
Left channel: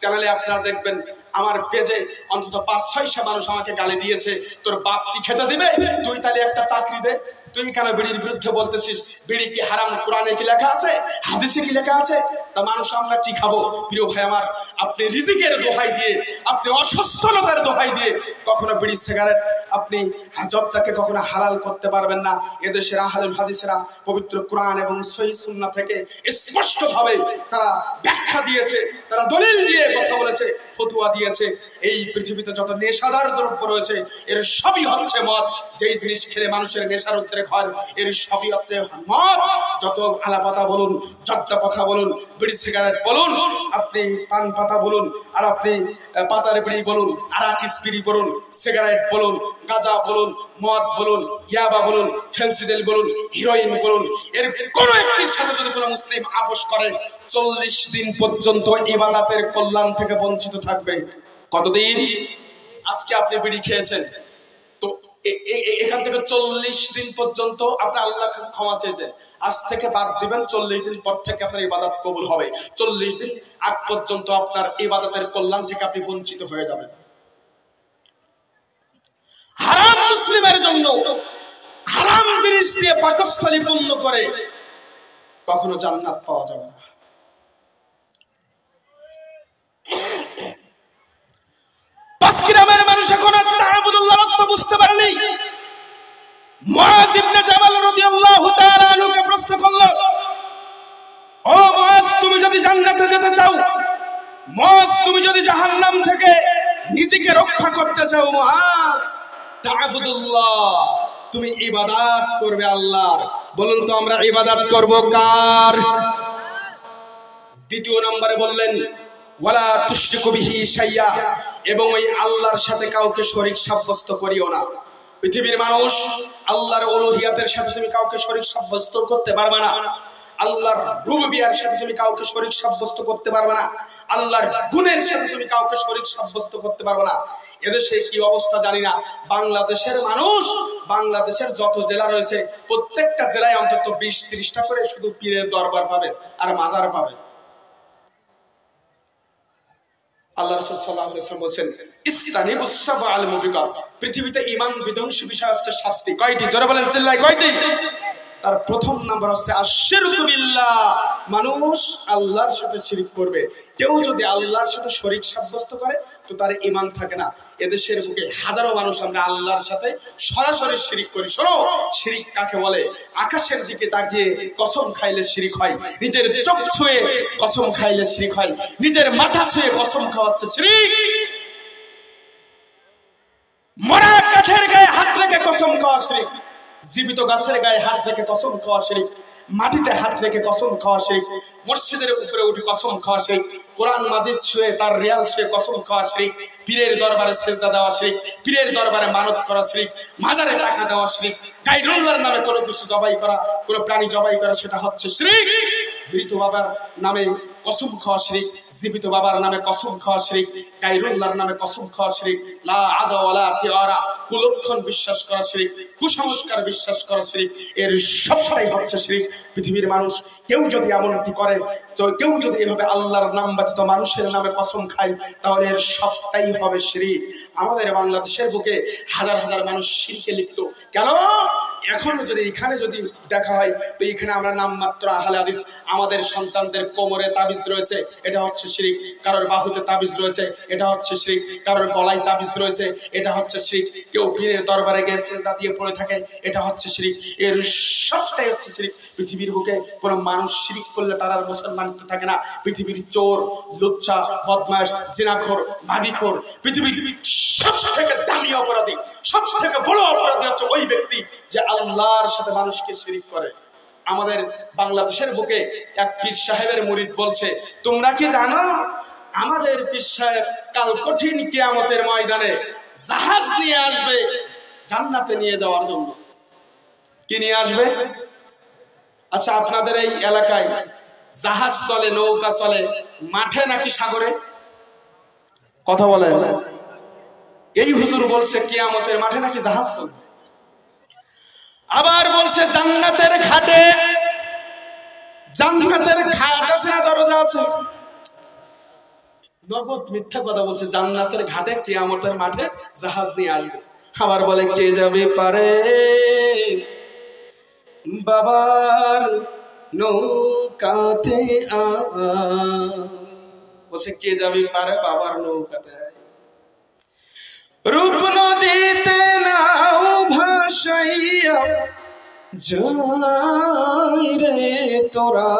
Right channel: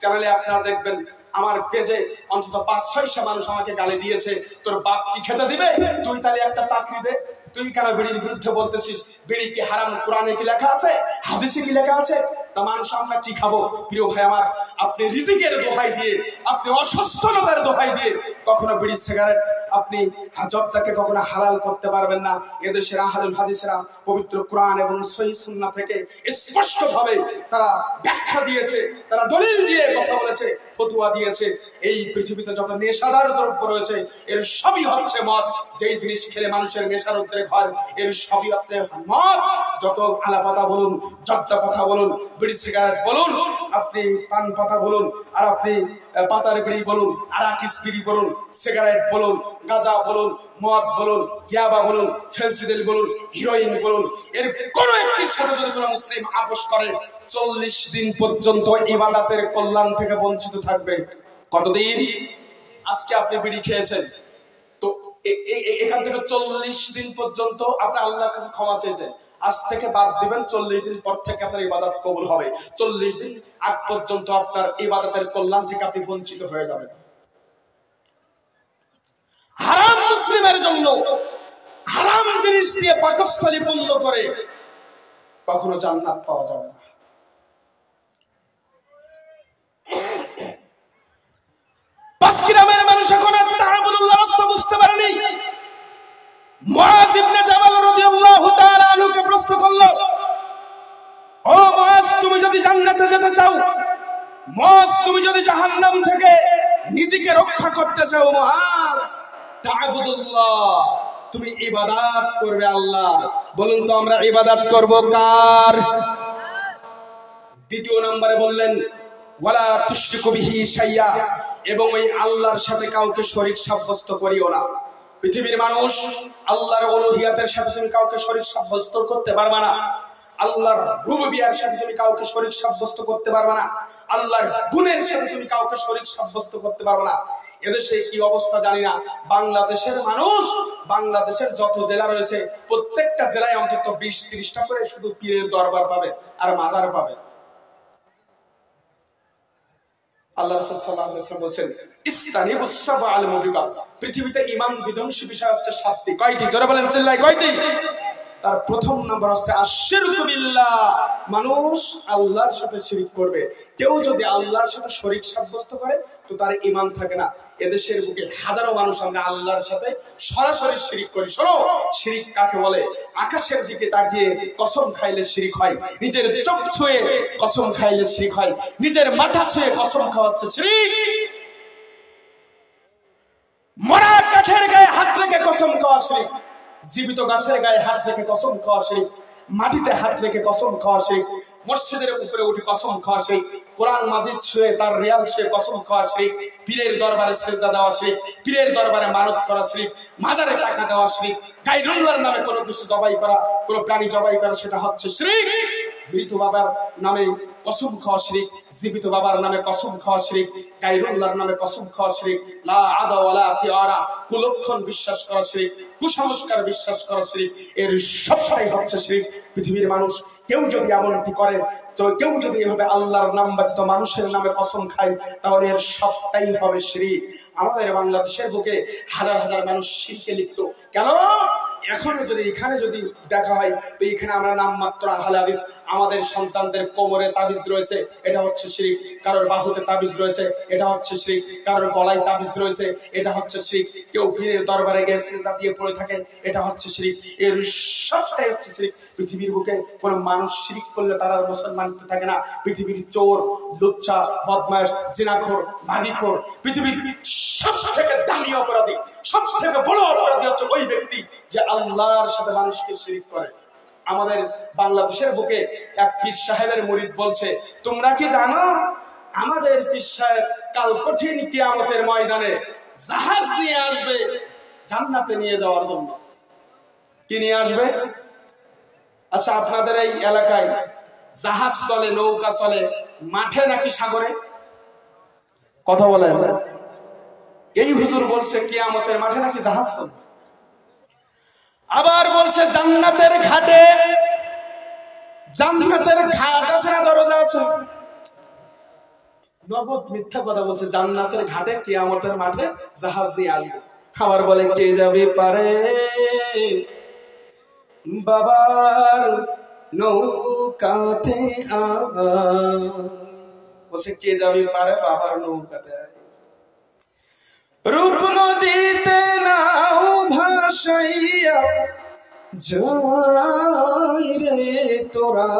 চ্যানেলে আপনারা দেখবেন, আমার পেজে অন্তত 5-600 মানুষ আমাকে গালি দিয়েছে। তোর বাপ কি খেতে দিবে? তুই তাহলে একটা চাকরি দে। তুই কেন বিড়ির বিরুদ্ধে বলতেছিস? বিড়ি কি হারাম? কোরআনে কি লেখা আছে? হাদিসে কি লেখা আছে? তা মানুষ আমরা কি খাবো? প্রিয় ভাই আমার, আপনি রিজিকের দোহাই দিয়ে, আপনি অসচ্ছলতার দোহাই দিয়ে কখনো বিড়ি, সিগারেট, আপনি জর্দাকে কখনো হালাল করতে পারবেন না। এদেশের আহলুল হাদিসরা পবিত্র কোরআন এবং সহিহ সুন্নাহ থেকে স্পষ্ট ভাবে তারা ব্যাখ্যা দিয়েছে, তারা দলিল দিয়ে কথা বলেছে, ফতোয়া দিয়েছে। এই পৃথিবীতে যত নেশাদার দ্রব্য রয়েছে, এর সবই হচ্ছে মদ। যেই জিনিস খেলে মানুষের নেশার উদ্রেক হয়, এর সবই হচ্ছে মদ। যত আলা পাতা বলুন, জর্দা পাতা বলুন, বিড়ি সিগারেট বলুন, আপনি পান পাতা বলুন, আর আপনি পাতার বিড়ি বলুন, আরাকিস বিড়ি বলুন, সিগারেট বলুন, গাঁজা বলুন, মদ বলুন, ইয়াবা বলুন, ফেন্সিডিল বলুন, হিরোইন বলুন, এর কোন একটির সাথে যদি কোনো মুসলিম আপোষ করে, 40 দিন পর্যন্ত ইবাদতের কল্যাণ থেকে বঞ্চিত থাকবে। কতদিন? আজকে আপনি বিড়ি খেয়েছেন, তো এখান থেকে 40 দিন পর্যন্ত আপনি আল্লাহর কাছে ক্ষমা চেয়েছেন। আজ থেকে বাদ দিবেন, 40 দিন পর থেকে আপনার ইবাদত কবুল হবে। 40 দিন আগ পর্যন্ত আপনার ইবাদতের কল্যাণ থেকে আপনি বঞ্চিত হয়ে যাবেন। হারাম মুসলিমের জন্য হারাম জিনিস দিয়ে পাকস্থলী পূর্ণ করে কখনো জান্নাত পাওয়া যাবে না। পাঁচ গ্রামের মানুষ এখন তাআবুদুল্লাহর অর্থ বুঝতে পারেনি। মুআজ ইবনে জাবাল রাদিয়াল্লাহু তাআলা আনহুকে প্রশ্ন করলো, ও মুআজ, তুমি যদি জান্নাতে যেতে চাও, মুআজ তুমি যদি জাহান্নাম থেকে নিজেকে রক্ষা করতে চাও, মুআজ তাআবুদুল্লাহ, তুমি ইবাদত করবে আল্লাহর। বলুন তো আমরা ইবাদত করব কার? দ্বিতীয় নম্বরে বললেন ওয়ালা তুশরিকু বিহি শাইয়া, এবং ওই আল্লাহর সাথে কাউকে শরীক সাব্যস্ত করিও না। পৃথিবীর মানুষ আল্লাহর উলুহিয়াতের সাথে তুমি কাউকে শরীক সাব্যস্ত করতে পারবে না। আল্লাহর রুবুবিয়ার সাথে তুমি কাউকে শরীক সাব্যস্ত করতে পারবে না। আল্লাহর গুণের সাথে তুমি কাউকে শরীক সাব্যস্ত করতে পারবে না। এদেশে কি অবস্থা জানি না, বাংলাদেশের মানুষ, বাংলাদেশের যত জেলা রয়েছে প্রত্যেকটা জেলায় অন্তত 20-30টা করে শুধু পীরের দরবার পাবে আর মাজার পাবে। আল্লাহ রাসূল সাল্লাল্লাহু আলাইহি ওয়াসাল্লাম বলেন ইসতানিবুস সাবআল মুবিকাত, পৃথিবীতে ঈমান বিধ্বংসী বিষয় হচ্ছে 7টি। কয়টি? জোরে বলেন, চিল্লায় কয়টি? তার প্রথম নাম্বার হচ্ছে আশরিকু বিল্লাহ, মানুষ আল্লাহর সাথে শিরিক করবে। কেউ যদি আল্লাহর সাথে শরীক সাব্যস্ত করে তো তার ঈমান থাকে না। এদেশের বুকে হাজারো মানুষ আমরা আল্লাহর সাথে সরাসরি শিরিক করি। শোনো, শিরিক কাকে বলে? আকাশের দিকে তাকিয়ে কসম খাইলে শিরিক হয়, নিজের চোখ ছুঁয়ে কসম খাইলে শিরিক হয়, নিজের মাথা ছুঁয়ে কসম খাওয়া হচ্ছে শিরিক। মরা কাঠের গায়ে হাত রেখে কসম খাওয়া শিরিক, জীবিত গাছের গায়ে হাত রেখে কসম খাওয়া শিরিক, মাটিতে হাত রেখে কসম খাওয়া শিরিক, মসজিদের উপরে উঠে কসম খাওয়া শিরিক, কোরআন মাজিদ ছুঁয়ে তার রিয়াল ছুঁয়ে কসম খাওয়া শিরিক, পীরের দরবারে সেজদা দেওয়া শিরিক, পীরের দরবারে মানত করা শিরিক, মাজারে টাকা দেওয়া শিরিক, গায়রুল্লাহর নামে কোনো কিছু জবাই করা, কোনো প্রাণী জবাই করা, সেটা হচ্ছে শিরিক। মৃত বাবার নামে কসম খাওয়া শিরিক, জীবিত বাবার নামে কসম খাওয়া শিরিক, গায়রুল্লাহর নামে কসম খাওয়া শিরিক, লা আদা ওয়ালা তিআরা, কুলক্ষণ বিশ্বাস করা শিরিক, কুসংস্কার বিশ্বাস করা শিরিক, এর সবটাই হচ্ছে শিরিক। পৃথিবীর মানুষ কেউ যদি এমনটি করে, তো কেউ যদি এভাবে আল্লাহর নাম ব্যতীত মানুষের নামে কসম খায়, তাহলে এর সবটাই হবে শিরিক। আমাদের বাংলাদেশের বুকে হাজার হাজার মানুষ শিরকে লিপ্ত। কেন? এখনো যদি এখানে যদি দেখা হয় তো এখানে আমরা নামমাত্র আহলে হাদিস, আমাদের সন্তানদের কোমরে তাবিজ রয়েছে, এটা হচ্ছে শিরিক। কারোর বাহুতে তাবিজ রয়েছে, এটা হচ্ছে শিরিক। কারোর গলায় তাবিজ রয়েছে, এটা হচ্ছে শিরিক। কেউ পীরের দরবারে গিয়ে সিজদা দিয়ে পড়ে থাকে, এটা হচ্ছে শিরিক। এর সবটাই হচ্ছে শিরিক। পৃথিবীর বুকে কোনো মানুষ শিরিক করলে তার আর মুসলমানিত্ব থাকে না। পৃথিবীর চোর, লুচ্চা, বদমাশ, জিনাখোর, মাগিখোর, পৃথিবীর সব থেকে দামি অপরাধী, সব থেকে বড় অপরাধী হচ্ছে ওই ব্যক্তি যে আল্লাহর সাথে মানুষকে শিরিক করে। আমাদের বাংলাদেশের বুকে এক পীর সাহেবের মুরিদ বলছে, তোমরা কি জানো আমাদের পীর সাহেব কাল কঠিন কিয়ামতের ময়দানে জাহাজ নিয়ে আসবে জান্নাতে নিয়ে যাওয়ার জন্য। কি নিয়ে আসবে? আচ্ছা, আপনাদের এই এলাকায় জাহাজ চলে, নৌকা চলে মাঠে নাকি সাগরে? কথা বলেন। এই হুজুর বলছে কিয়ামতের মাঠে নাকি জাহাজ চলবে। আবার বলছে জান্নাতের ঘাটে। জান্নাতের ঘাট আছে না দরজা আছে? নগদ মিথ্যা কথা বলছে। জান্নাতের ঘাটে কিয়ামতের মাঠে জাহাজ দিয়ে আসবে। আবার বলে কে যাবে পারে বাবার নৌকাতে বলছে কে যাবে পারে বাবার নৌকাতে। রূপ নদীতে নাও ভাসাইয়া যাই রে তোরা,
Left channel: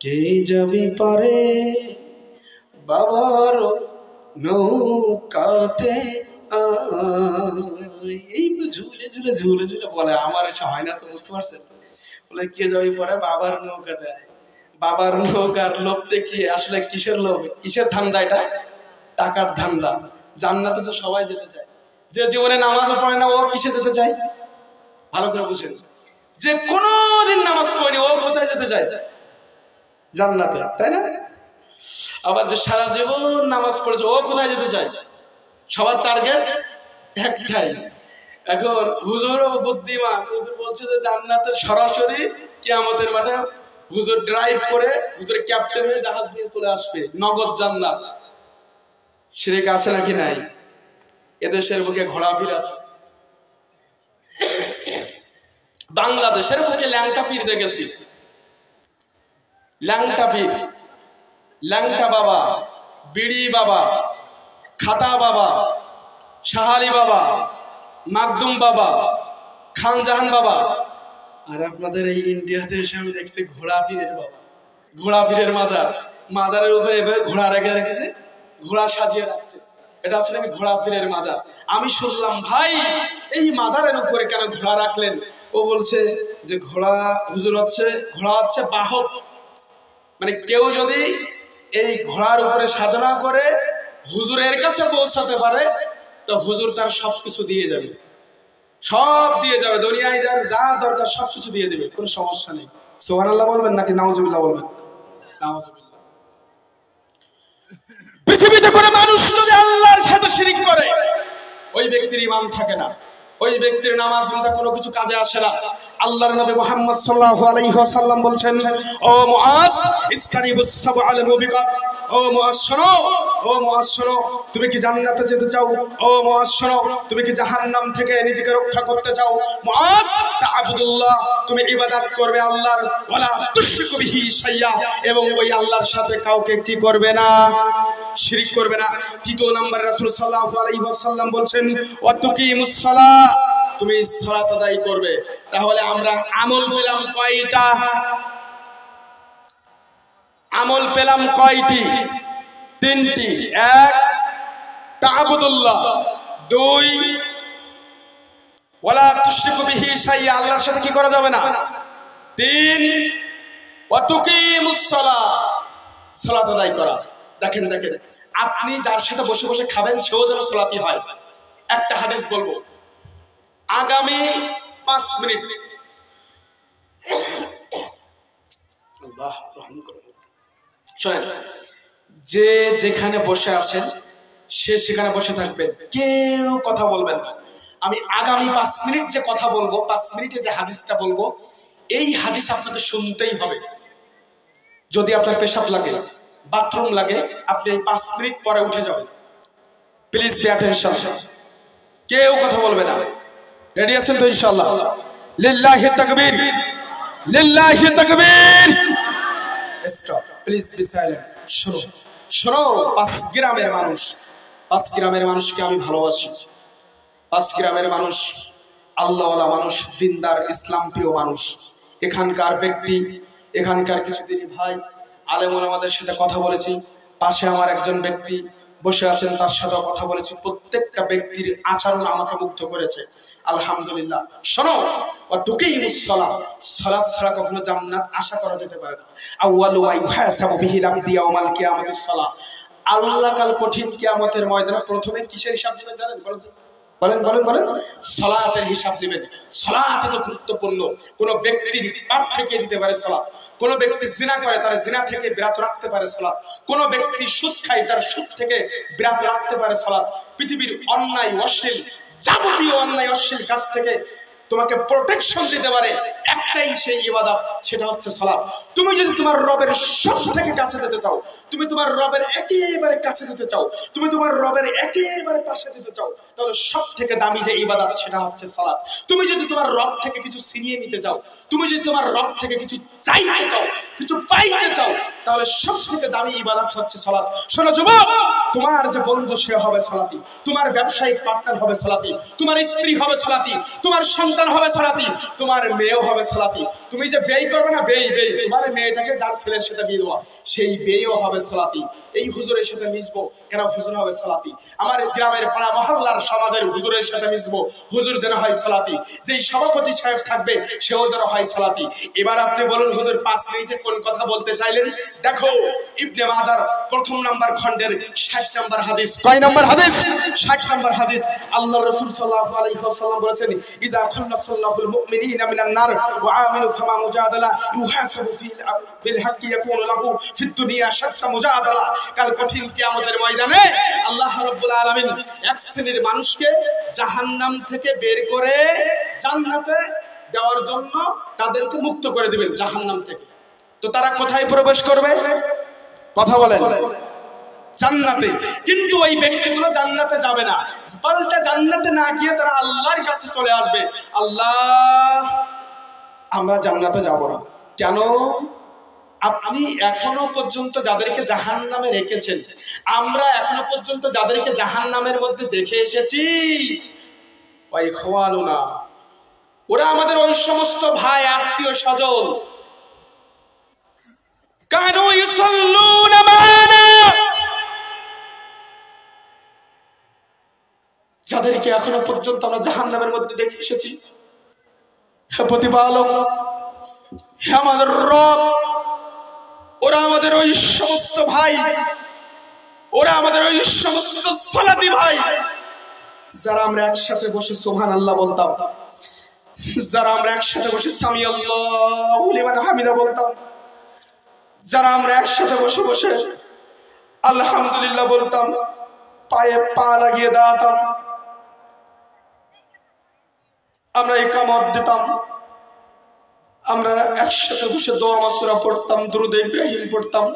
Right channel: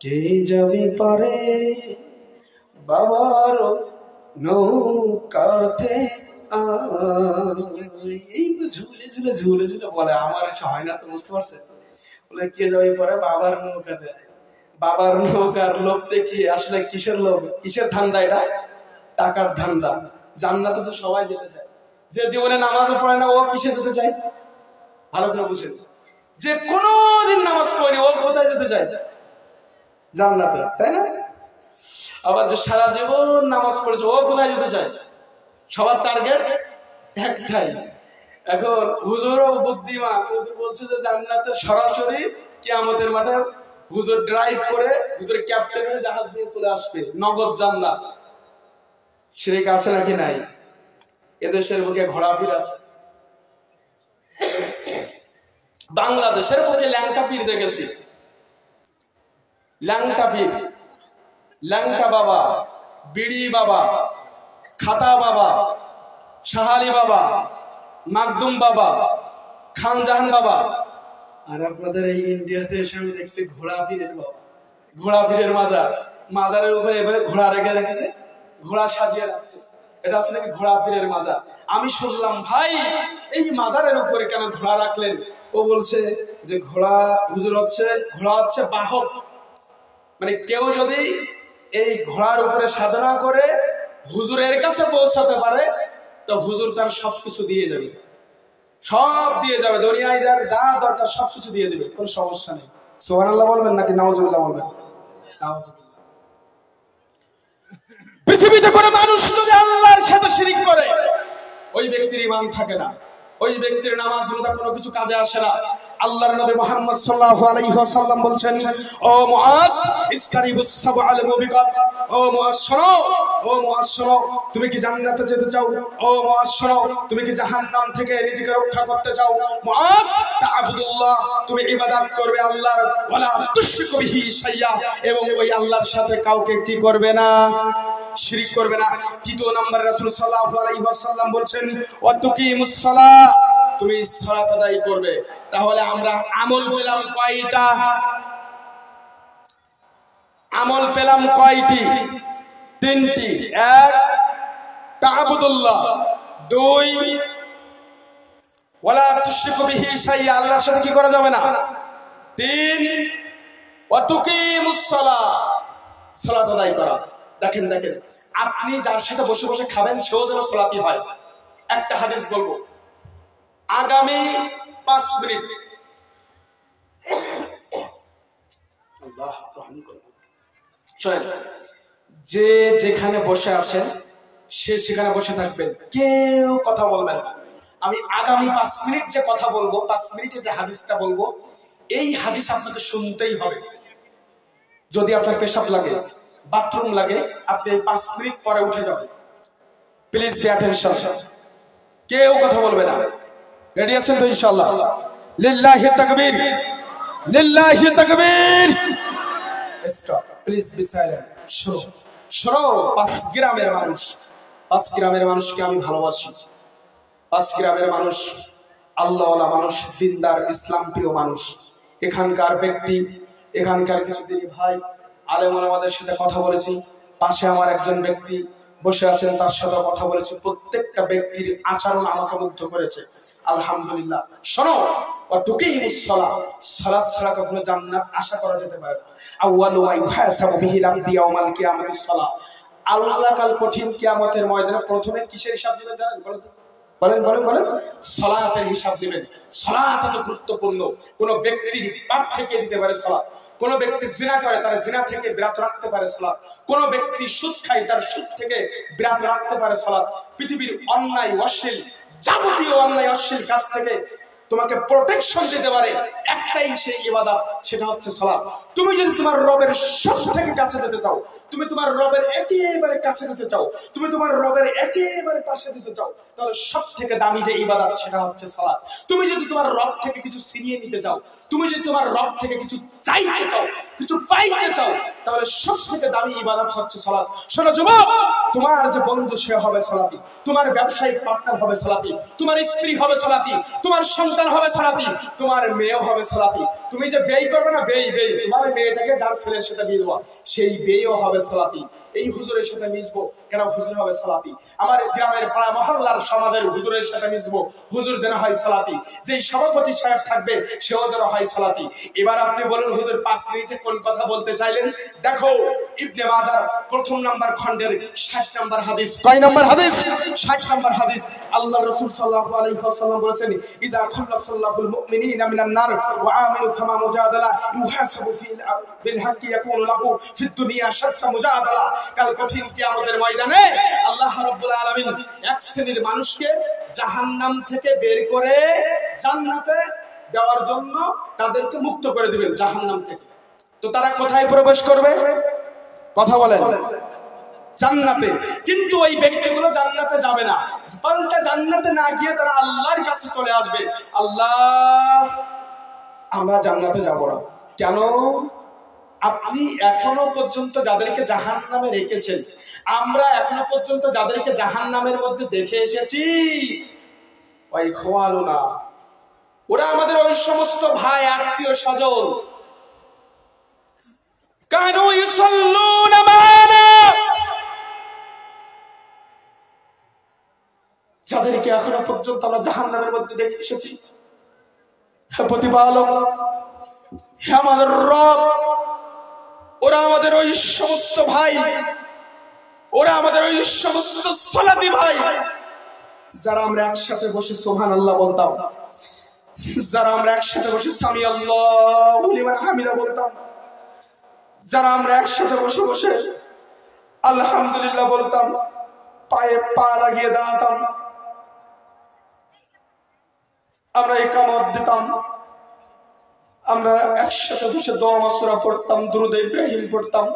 কে যাবি পারে বাবার নৌকাতে। এই ঝুলে ঝুলে ঝুলে ঝুলে বলে, আমার এসে হয় না তো, বুঝতে পারছেন? বলে কে যাবি পারে বাবার নৌকাতে। বাবার নৌকার লোভ দেখিয়ে আসলে কিসের লোভ, কিসের ধান্দা? এটা টাকার ধান্দা। জান্নাতে তো সবাই যেতে চায়। যে জীবনে নামাজও পড়ে না ও কিসে যেতে চায়? ভালো করে বুঝেন। যে কোনদিন নামাজ পড়েনি ও কোথায় যেতে চায়? জান্নাতে, তাই না? আবার যে সারা জীবন নামাজ পড়েছে ও কোথায় যেতে চায়? সবার টার্গেট একটাই, এখন হুজুরও বুদ্ধিমান, হুজুর বলছে যে জান্নাতে সরাসরি কিয়ামতের মাঠে হুজুর ড্রাইভ করে হুজুর ক্যাপ্টেন হয়ে জাহাজ দিয়ে চলে আসবে, নগদ জান্নাত। শিরক আছে নাকি নাই? এদেশের বুকে ঘোড়াপীর আছে, বাংলাদেশের বুকে ল্যাংটা পীর দেখেছি। ল্যাংটা পীর, ল্যাংটা বাবা, বিড়ি বাবা, খাতা বাবা, শাহালি বাবা, মাকদুম বাবা, খানজাহান বাবা। আর আপনাদের এই ইন্ডিয়াতে এসে আমি দেখছি ঘোড়া পীরের বাবা, ঘোড়া পীরের মাজার, মাজারের উপরে এভাবে ঘোড়া রেখে রেখেছে, ঘোড়া সাজিয়ে রাখছে, এটা হচ্ছে নাকি ঘোড়া পীরের মাজার। আমি শুনলাম ভাই এই মাজারের উপরে কেন ঘোড়া রাখলেন? ও বলছে যে ঘোড়া হুজুর হচ্ছে, ঘোড়া হচ্ছে বাহক, মানে কেউ যদি এই ঘোড়ার উপরে সাধনা করে হুজুরের কাছে পৌঁছাতে পারে তো হুজুর তার সবকিছু দিয়ে যাবে, সব দিয়ে যাবে, দুনিয়ায় যার যা দরকার সবকিছু দিয়ে দিবে, কোনো সমস্যা নেই। সুবহানাল্লাহ বলবেন নাকি নাউজুবিল্লাহ বলবেন? নাউজুবিল্লাহ। পৃথিবীতে কোনো মানুষ যদি আল্লাহর সাথে শিরক করে ওই ব্যক্তির ঈমান থাকে না, ওই ব্যক্তির নামাজ রোজা কোনো কিছু কাজে আসে না। আল্লাহর নবী মুহাম্মদ সাল্লাল্লাহু আলাইহি ওয়াসাল্লাম বলছেন, ও মুআজ ইসতানিবুস সাবআল মুবিকাত, ও মুআজ শোনো, ও মুআজ শোনো, তুমি কি জান্নাতে যেতে চাও? ও মুআজ শোনো, তুমি কি জাহান্নাম থেকে নিজেকে রক্ষা করতে চাও? মুআজ তা'বুদুল্লাহ, তুমি ইবাদত করবে আল্লাহর, ওয়ালা তুশরিকু বিহি শাইয়্যা, এবং ওই আল্লাহর সাথে কাউকে কি করবে না? শিরক করবে না। তৃতীয় নম্বরে রাসূল সাল্লাল্লাহু আলাইহি ওয়াসাল্লাম বলছেন, ওয়া তুকিমুস সালাহ, তুমি সালাত আদায় করবে। তাহলে আমরা আমল পেলাম কয়টা? আমল পেলাম কয়টি? তিনটি। এক, তা'বুদুল্লাহ। দুই, ওয়ালা তুশরিকু বিহি শাইয়্যা, আল্লাহর সাথে কি করা যাবে না। তিন, ওয়া তুকিমুস সালাহ, সালাত আদায় করা। দেখেন দেখেন, আপনি যার সাথে বসে বসে খাবেন সেও যেন সালাতি হয়। একটা হাদিস বলবো, আগামী 5 মিনিট, আল্লাহ রহম করুন, শোনেন, যে যেখানে বসে আছেন সে সেখানে বসে থাকবেন, কেউ কথা বলবেন না। আমি আগামী 5 মিনিট যে কথা বলবো, 5 মিনিটে যে হাদিসটা বলবো, এই হাদিস আপনাকে শুনতেই হবে। যদি আপনার পেশাব লাগে, বাথরুম লাগে, আপনি এই 5 মিনিট পরে উঠে যাবেন। প্লিজ পে অ্যাটেনশন, কেউ কথা বলবে না। রেডি আছেন তো ইনশাআল্লাহ? লিল্লাহি তাকবীর, লিল্লাহি তাকবীর। Stop, please be silent. শোনো শোনো, 5 গ্রামের মানুষ, 5 গ্রামের মানুষকে আমি ভালোবাসি। 5 গ্রামের মানুষ আল্লাহওয়ালা মানুষ, দিনদার, ইসলাম প্রিয় মানুষ। এখানকার ব্যক্তি, এখানকার কিছু দিনী ভাই আলেম ওলামাদের সাথে কথা বলেছি। পাশে আমার একজন ব্যক্তি বসে আছেন, তার সাথে কথা বলেছি। প্রত্যেকটা ব্যক্তির আচরণ আমাকে মুগ্ধ করেছে, আলহামদুলিল্লাহ। শোনো, ওয়া তুকিমুস সালাহ, সালাত ছাড়া কখনো জান্নাত আশা করা যেতে পারে না। আউয়ালু মা ইউহাসাবু বিহি আল-আবদু ইয়াউমাল কিয়ামাতিস সালাহ, আল্লাহ কাল কঠিন কিয়ামতের ময়দানে প্রথমে কিসের হিসাব দিবেন জানেন? বলেন তো, বলেন বলেন বলেন। সালাতের হিসাব দিবেন। সালাত এত গুরুত্বপূর্ণ। কোন ব্যক্তির পাপ থেকে দিতে পারে সালাত, কোন ব্যক্তি জিনা করে তার জিনা থেকে বিরত রাখতে পারে সালাত, কোন ব্যক্তি সুদ খায় তার সুদ থেকে বিরত রাখতে পারে সালাত। পৃথিবীর অন্যায় অশ্লীল, যাবতীয় অন্যায় অশ্লীল কাজ থেকে তোমাকে প্রোটেকশন দিতে পারে একটাই সেই ইবাদত, সেটা হচ্ছে সালাত। তুমি যদি তোমার রবের সব থেকে কাছে যেতে চাও, তুমি তোমার রবের একেবারে কাছে যেতে চাও, তুমি তোমার রবের একেবারে পাশে যেতে চাও, তাহলে সব থেকে দামি যে ইবাদত সেটা হচ্ছে সালাত। তুমি যদি তোমার রব থেকে কিছু ছিনিয়ে নিতে চাও, তুমি যদি তোমার রব থেকে কিছু চাইতে চাও, কিছু পাইতে চাও, তাহলে সব থেকে দামি ইবাদত হচ্ছে সালাত। শোনো যুবক, তোমার যে বন্ধু সে হবে সালাতি, তোমার ব্যবসায়িক পার্টনার হবে সালাতি, তোমার স্ত্রী হবে সালাতি, তোমার সন্তান হবে সালাতি, তোমার মেয়েও হবে সালাতি। তুমি যে ব্যয় করবে না, ব্যয় ব্যয়, তোমার মেয়েটাকে যার ছেলের সাথে বিয়ে দেওয়া, সেই ব্যয়ও হবে সালাতি। এই হুজুরের সাথে মিশবো কেন? হুজুর হবে সালাতি। আমার গ্রামের পাড়া মহল্লার সমাজের হুজুরের সাথে মিশবো, হুজুর যেন হয় সালাতি। যেই সভাপতি সাহেব থাকবে সেও যেন হয় সালাতি। এবার আপনি বলুন হুজুর 5 মিনিটে কোন কথা বলতে চাইলেন? দেখো, ইবনে মাজার 1 নম্বর খণ্ডের 60 নম্বর হাদিস। কয় নম্বর হাদিস? 60 নম্বর হাদিস। আল্লাহ রাসূল সাল্লাল্লাহু আলাইহি ওয়াসাল্লাম বলেছেন, ইজা খাল্লাসাল্লাহুল মুমিনিনা মিনান নার ওয়া আমিলু ফামা মুজাদালা ইউহাসাবু বিল হাক্কি ইয়াকুনু লাহু ফিদ দুনিয়া শাত্তা মুজাদালা। কাল কঠিন কিয়ামতের ময়দানে আল্লাহ রাব্বুল আলামিন এক শ্রেণীর মানুষকে জাহান্নাম থেকে বের করে জান্নাতে দেওয়ার জন্য তাদেরকে মুক্ত করে দিবেন জাহান্নাম থেকে। তো তারা কোথায় প্রবেশ করবে? কথা বলেন, জান্নাতে। কিন্তু ওই ব্যক্তিগুলো জান্নাতে যাবে না, পাল্টা জান্নাতে না গিয়ে তারা আল্লাহর কাছে চলে আসবে, আল্লাহ আমরা জান্নাতে যাব না। কেন? আপনি এখনো পর্যন্ত যাদেরকে জাহান্নামে রেখেছেন, আমরা এখনো পর্যন্ত যাদেরকে জাহান্নামের মধ্যে দেখে এসেছি, ওই খোয়ালুনা, ওরা আমাদের ওই সমস্ত ভাই আত্মীয় স্বজন। কানু ইউসাল্লুনা মানা, যাদেরকে এখনো পর্যন্ত আমরা জাহান্নামের মধ্যে দেখে এসেছি। হে প্রতিপালক, হে আমাদের রব, ওরা আমাদের ওই সমস্ত ভাই, ওরা আমাদের ওই সমস্ত সালাতি ভাই যারা আমরা একসাথে বসে সুবহানাল্লাহ বলতাম, যারা আমরা একসাথে বসে সামি আল্লাহু লিমান হামিদা বলতাম, যারা আমরা একসাথে বসে বসে আলহামদুলিল্লাহ বলতাম, পায়ে পা লাগিয়ে দাঁড়াতাম, আমরা ইকামত দিতাম, আমরা একসাথে বসে দোয়া মাসুরা পড়তাম, দুরূদ ইব্রাহিম পড়তাম,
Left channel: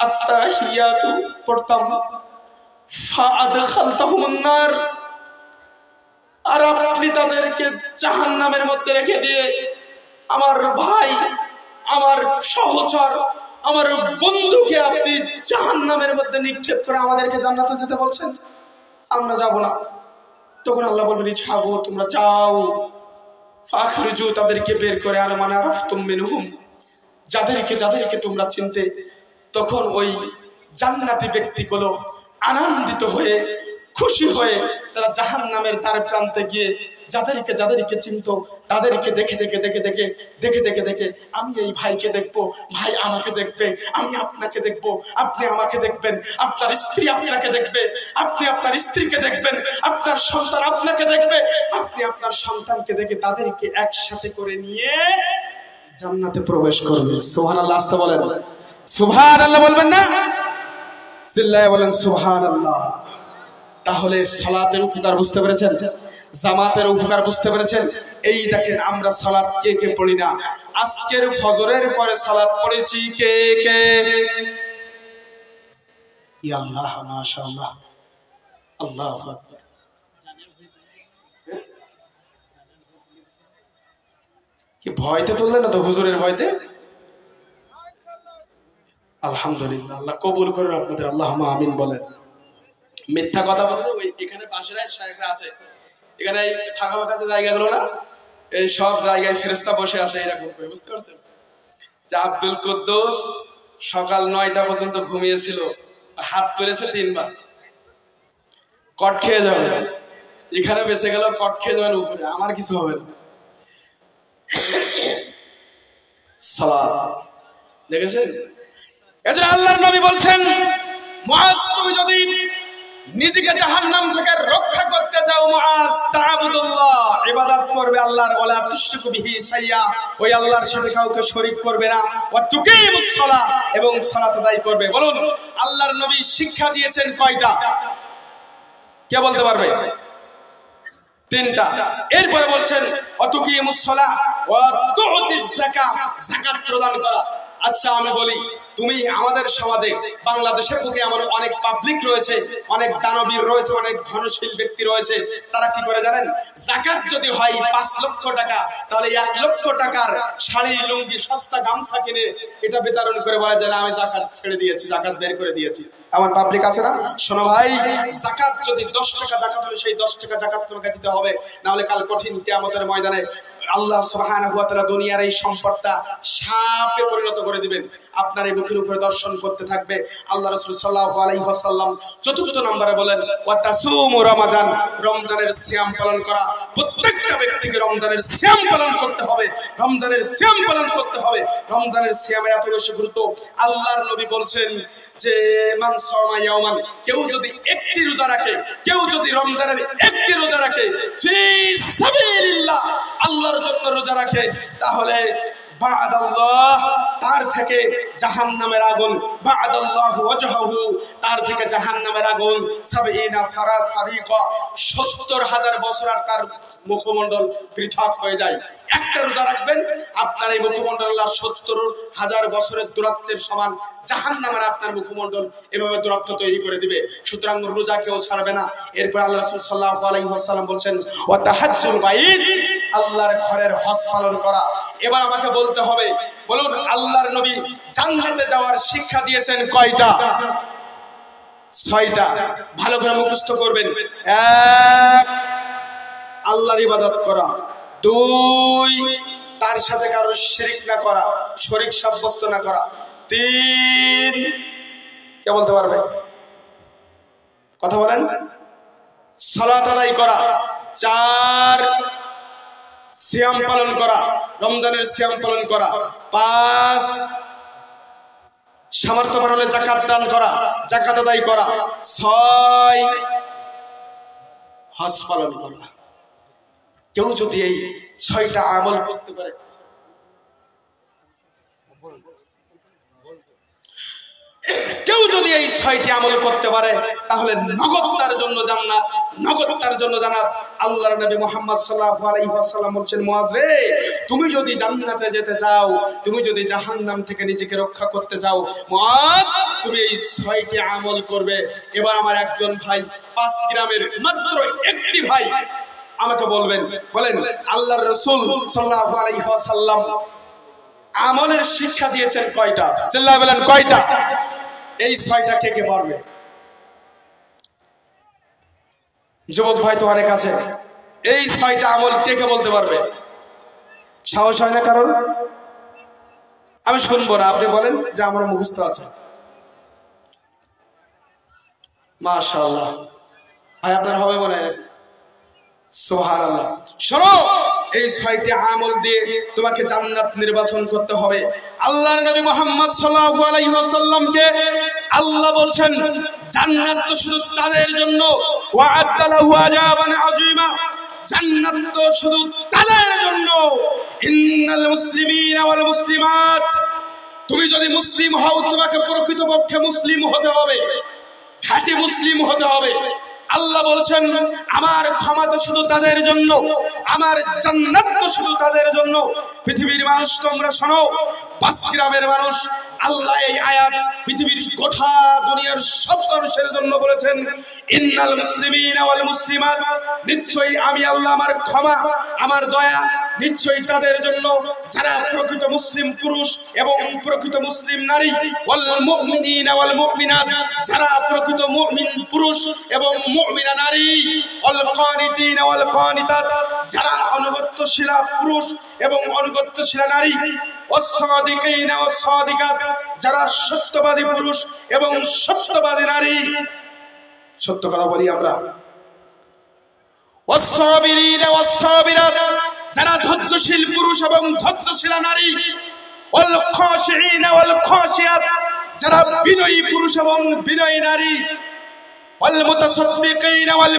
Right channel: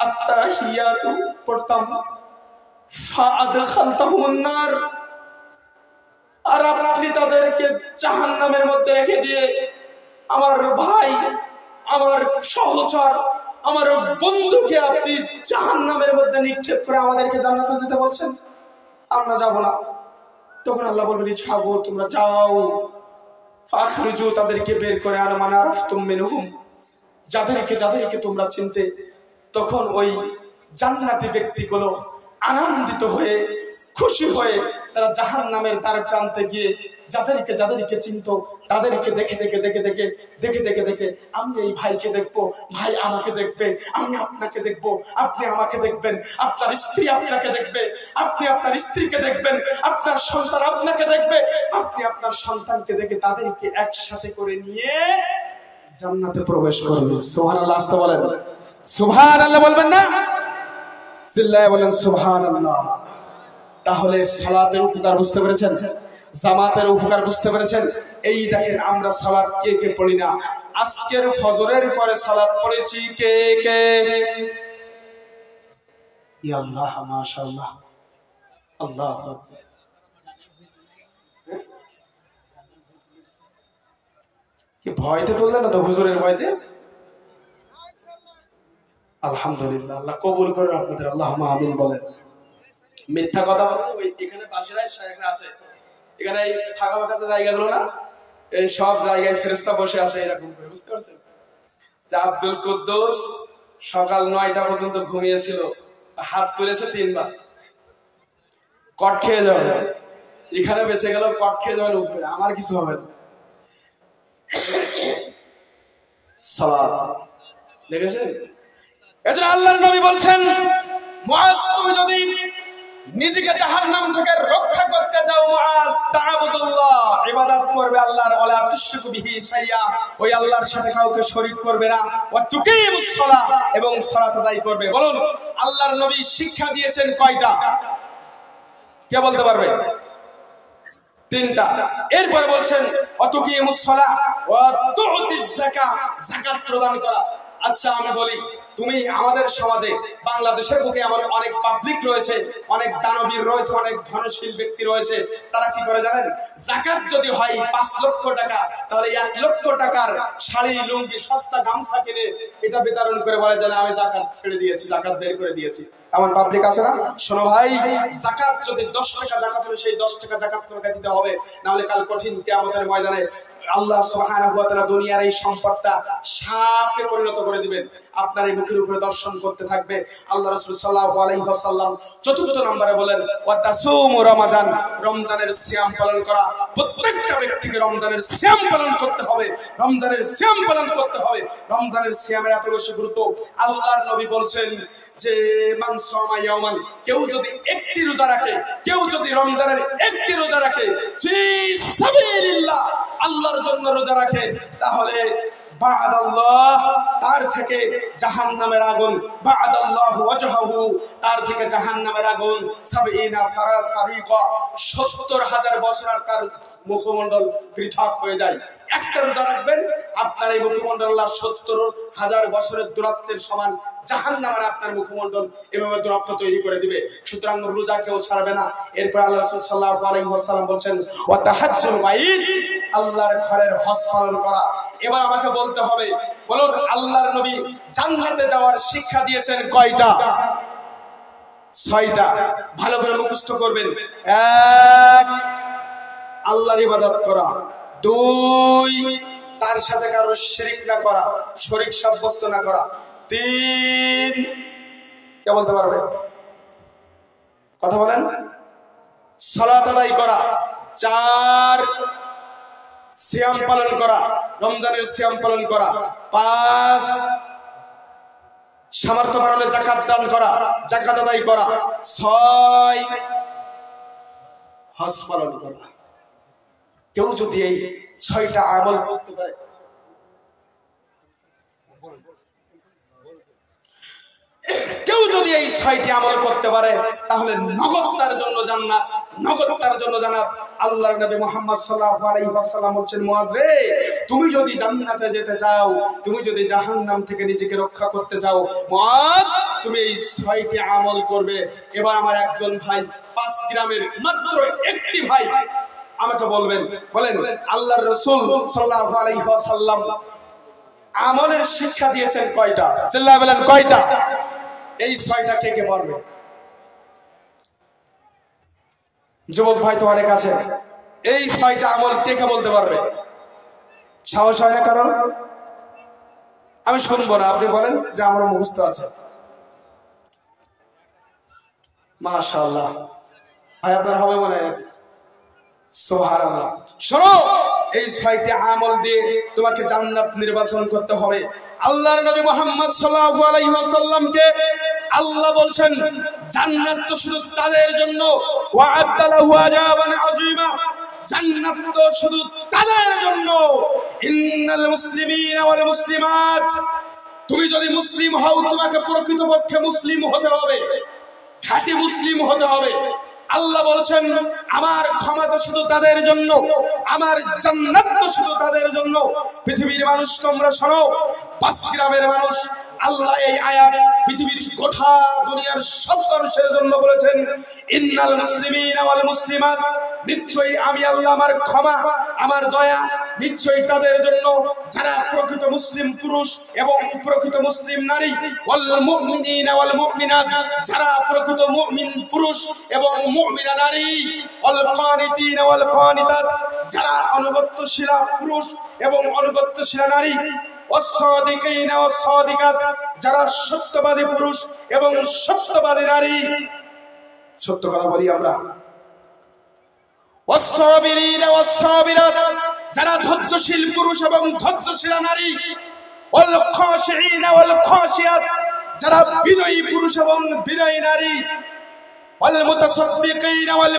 আত্তাহিয়াতু পড়তাম, ফাআদখালতাহুমুন নার, আর আপনি তাদেরকে জাহান্নামের মধ্যে রেখে দিয়ে আমার ভাই, আমার সহচর, আমার বন্ধুকে আপনি জাহান্নামের মধ্যে নিক্ষেপ করে আমাদেরকে জান্নাতে যেতে বলছেন, আমরা যাব না। তখন আল্লাহ বলবেন, ছাগো তোমরা যাও, ফাখরিজু, তাদেরকে বের করে আনো, মানে আরাফতুম মিনহুম, যাদেরকে যাদেরকে তোমরা চিনতে। তখন ওই জান্নাতি ব্যক্তিগুলো আনন্দিত হয়ে খুশি হয়ে তারা জাহান্নামের দ্বার প্রান্তে গিয়ে যাদেরকে যাদেরকে চিনত তাদেরকে দেখে দেখে দেখে দেখে দেখে দেখে দেখে, আমি এই ভাইকে দেখবো, ভাই আমাকে দেখবে, আমি আপনাকে দেখবো, আপনি আমাকে দেখবেন, আপনার স্ত্রী আপনাকে দেখবে, আপনি আপনার স্ত্রীকে দেখবেন, আপনার সন্তান আপনাকে দেখবে, আপনি আপনার সন্তানকে দেখে তাদেরকে একসাথে করে নিয়ে জান্নাতে প্রবেশ করবে। সুবহানাল্লাহ, আসতে বলেন সুবহানাল্লাহ, বলবেন না? চিল্লায় বলেন সুবহানাল্লাহ। তাহলে সালাতের উপকার বুঝতে পেরেছেন, জামাতের উপকার বুঝতে পেরেছেন। এই দেখেন, আমরা সালাত কে কে পড়ি না? আজকের ফজরের পরে সালাত পড়েছি কে কে? ইয়া আল্লাহ, মাশাআল্লাহ, আল্লাহু আকবার। কি ভয়তে তুললেন না তো? হুজুরের ভয়তে? আলহামদুলিল্লাহ, আল্লাহ কবুল করেন আপনাদের, আল্লাহুম্মা আমিন বলেন। মিথ্যা কথা বলেন। ওই এখানে পাশেরাই শায়েখরা আছে, এখানে এই ফাঁকা ফাঁকা জায়গাগুলো না, এই সব জায়গায় ফেরেশতা বসে আছে এরকম করে, বুঝতে পারছেন? যে আব্দুল কুদ্দুস সকাল 9টা পর্যন্ত ঘুমিয়েছিল, হাত তুলেছে 3 বার, কট খেয়ে যাবে। এখানে বেঁচে গেল, কট খেয়ে যাবেন উপরে, আমার কিছু হবে না। সালাত দেখেছেন? এজন্য আল্লাহর নবী বলছেন, মুআজ তুমি যদি নিজেকে জাহান্নাম থেকে রক্ষা করতে চাও, মুআজ তা'বুদুল্লাহ, ইবাদত করবে আল্লাহর, ওয়ালা তুশরিকু বিহি শাইয়া, ওই আল্লাহর সাথে কাউকে শরীক করবে না, ওয়া তুকিমুস সালাহ, এবং সালাত আদায় করবে। বলুন, আল্লাহর নবী শিক্ষা দিয়েছেন কয়টা? কে বলতে পারবে? 3টা। এরপরে বলছেন ওয়া তুকিমুস সালাহ ওয়া তু'তিজ যাকাত, যাকাত প্রদান করা। আচ্ছা আমি বলি, তুমি আমাদের সমাজে বাংলাদেশের বুকে এমন অনেক পাবলিক রয়েছে, অনেক দানবীর রয়েছে, অনেক ধনশীল ব্যক্তি রয়েছে, তারা কি করে জানেন? যাকাত যদি হয় 5 লক্ষ টাকা, তাহলে 1 লক্ষ টাকার শাড়ি, লুঙ্গি, সস্তা গামছা কিনে এটা বিতরণ করে বলে যে আমি যাকাত ছেড়ে দিয়েছি, যাকাত বের করে দিয়েছি। এমন পাবলিক আছে না? শোনো ভাই, যাকাত যদি 10 টাকা যাকাত হলে সেই 10 টাকা যাকাত তোমাকে দিতে হবে, না হলে কাল কঠিন কিয়ামতের ময়দানে আল্লাহ সুবহানাহু ওয়া তাআলা দুনিয়ার এই সম্পদটা সাপে পরিণত করে দিবেন, আপনার এই মুখের উপরে দর্শন করতে থাকবে। আল্লাহ রাসূল সাল্লাল্লাহু আলাইহি ওয়াসাল্লাম 4th নম্বরে বলেন ওয়া তাসুমু রমাজান, রমজানের সিয়াম পালন করা। প্রত্যেকটা ব্যক্তিকে রমজানের সিয়াম পালন করতে হবে, রমজানের সিয়াম পালন করতে হবে। রমজানের সিয়ামের এত বেশি গুরুত্ব, আল্লাহর নবী বলছেন যে মান সামা ইয়াওমান, কেউ যদি একটি রোজা রাখে, কেউ যদি রমজানের একটি রোজা রাখে, ফি সাবিলিল্লাহ, আল্লাহর জন্য রোজা রাখে, তাহলে বা'দাল্লাহ, তার থেকে জাহান্নামের আগুন, বা'দাল্লাহু ওয়াজহাহু, তার থেকে জাহান্নামের আগুন ৭০ ফারিকা, ৭০,০০০ বছর আর তার মুখমণ্ডল পৃথক হয়ে যায়। একটা রোজা রাখবেন, আপনার এই মুখমণ্ডল আল্লাহ ৭০,০০০ বছরের দূরত্বের সমান জাহান্নামের আপনার মুখমণ্ডল এভাবে দূরত্ব তৈরি করে দিবে। সুতরাং রোজা কেউ ছাড়বে না। এরপর আল্লাহ রাসূল সাল্লাল্লাহু আলাইহি ওয়াসাল্লাম বলছেন ওয়া তাহাজ্জুল বাইত, আল্লাহর ঘরের হজ পালন করা। এবার আমাকে বলতে হবে, বলুন আল্লাহর নবী জান্নাতে যাওয়ার শিক্ষা দিয়েছেন কয়টা? ৬টা। ভালো করে মুখস্থ করবেন। ১, আল্লাহর ইবাদত করা। ২, তার সাথে কারো শিরক না করা, শরীক সাব্যস্ত না করা। ৩, কে বলতে পারবে? কথা বলেন। সালাত আদায় করা। ৪, সিয়াম পালন করা, রমজানের সিয়াম পালন করা। ৫, সামর্থ্য বাড়লে যাকাত দান করা, যাকাত আদায় করা। ৬, হজ পালন করা। কেউ যদি এই ৬টা আমল করতে পারে, কেউ যদি এই ৬টি আমল করতে পারে, তাহলে নগদ তার জন্য জান্নাত, নগদ তার জন্য জান্নাত। আল্লাহর নবী মুহাম্মদ সাল্লাল্লাহু আলাইহি ওয়াসাল্লাম বলছেন, মুআজ রে, তুমি যদি জান্নাতে যেতে চাও, তুমি যদি জাহান্নাম থেকে নিজেকে রক্ষা করতে চাও, মুআজ তুমি এই ৬টি আমল করবে। এবার আমার একজন ভাই, ৫ গ্রামের মাত্র একটি ভাই আমাকে বলবেন, বলেন আল্লাহর রাসূল সাল্লাল্লাহু আলাইহি ওয়াসাল্লাম আমলের শিক্ষা দিয়েছেন কয়টা? চিল্লায়ে বলেন কয়টা? এই ৬টা কে কে পারবে? যুবক ভাই তো অনেক আছে, এই ৬টা আমল কে কে বলতে পারবে? সাহস হয় না কারণ? আমি শুনবো না, আপনি বলেন যে আমার মুখস্থ আছে। মাশাআল্লাহ ভাই, আপনার হবে মনে হয়। সুবহানাল্লাহ। শোনো, এই ৬টি আমল দিয়ে তোমাকে জান্নাত নির্বাচন করতে হবে। আল্লাহর নবী মুহাম্মদ সাল্লাল্লাহু আলাইহি ওয়াসাল্লামকে আল্লাহ বলছেন, জান্নাত তো শুধু তাদের জন্য, ওয়া'আদ্দা লাহু আযাবান আযীমা, জান্নাত তো শুধু তাদের জন্য। ইন্নাল মুসলিমিনা ওয়াল মুসলিমাত, তুমি যদি মুসলিম হও, তোমাকে প্রকৃতপক্ষে মুসলিম হতে হবে, খাঁটি মুসলিম হতে হবে। আল্লাহ বলছেন, আমার ক্ষমা তো শুধু তাদের জন্য, আমার জান্নাত তো শুধু তাদের জন্য। পৃথিবীর মানুষ তোমরা শোনো, ৫ গ্রামের মানুষ, আল্লাহ এই আয়াত পৃথিবীর গোটা দুনিয়ার সব মানুষের জন্য বলেছেন। ইন্নাল মুসলিমিনা ওয়াল মুসলিমাত, নিশ্চয়ই আমি আল্লাহ, আমার ক্ষমা, আমার দয়া নিশ্চয়ই তাদের জন্য যারা প্রকৃত মুসলিম পুরুষ এবং প্রকৃত মুসলিম নারী। ওয়াল মুমিনিনা ওয়াল মুমিনাত, যারা প্রকৃত মুমিন পুরুষ এবং মুমিনা নারী। ওয়াল কানিতিনা ওয়াল কানিতাত, যারা অনুগত্যশীলা পুরুষ এবং অনুগত্যশীলা নারী। ওয়াস-সাদিকিনা ওয়াস-সাদিকাত, যারা সত্যবাদী পুরুষ এবং সত্যবাদী নারী। সত্য কথা বলি আমরা। ওয়াস-সাবিরিনা ওয়াস-সাবিরাত, যারা ধৈর্যশীল পুরুষ এবং ধৈর্যশীলা নারী। ওয়াল খাশিঈনা ওয়াল খাশিয়াত, যারা বিনয়ী পুরুষ এবং বিনয়ী নারী। ওয়াল মুতাসাদ্দিকিনা ওয়াল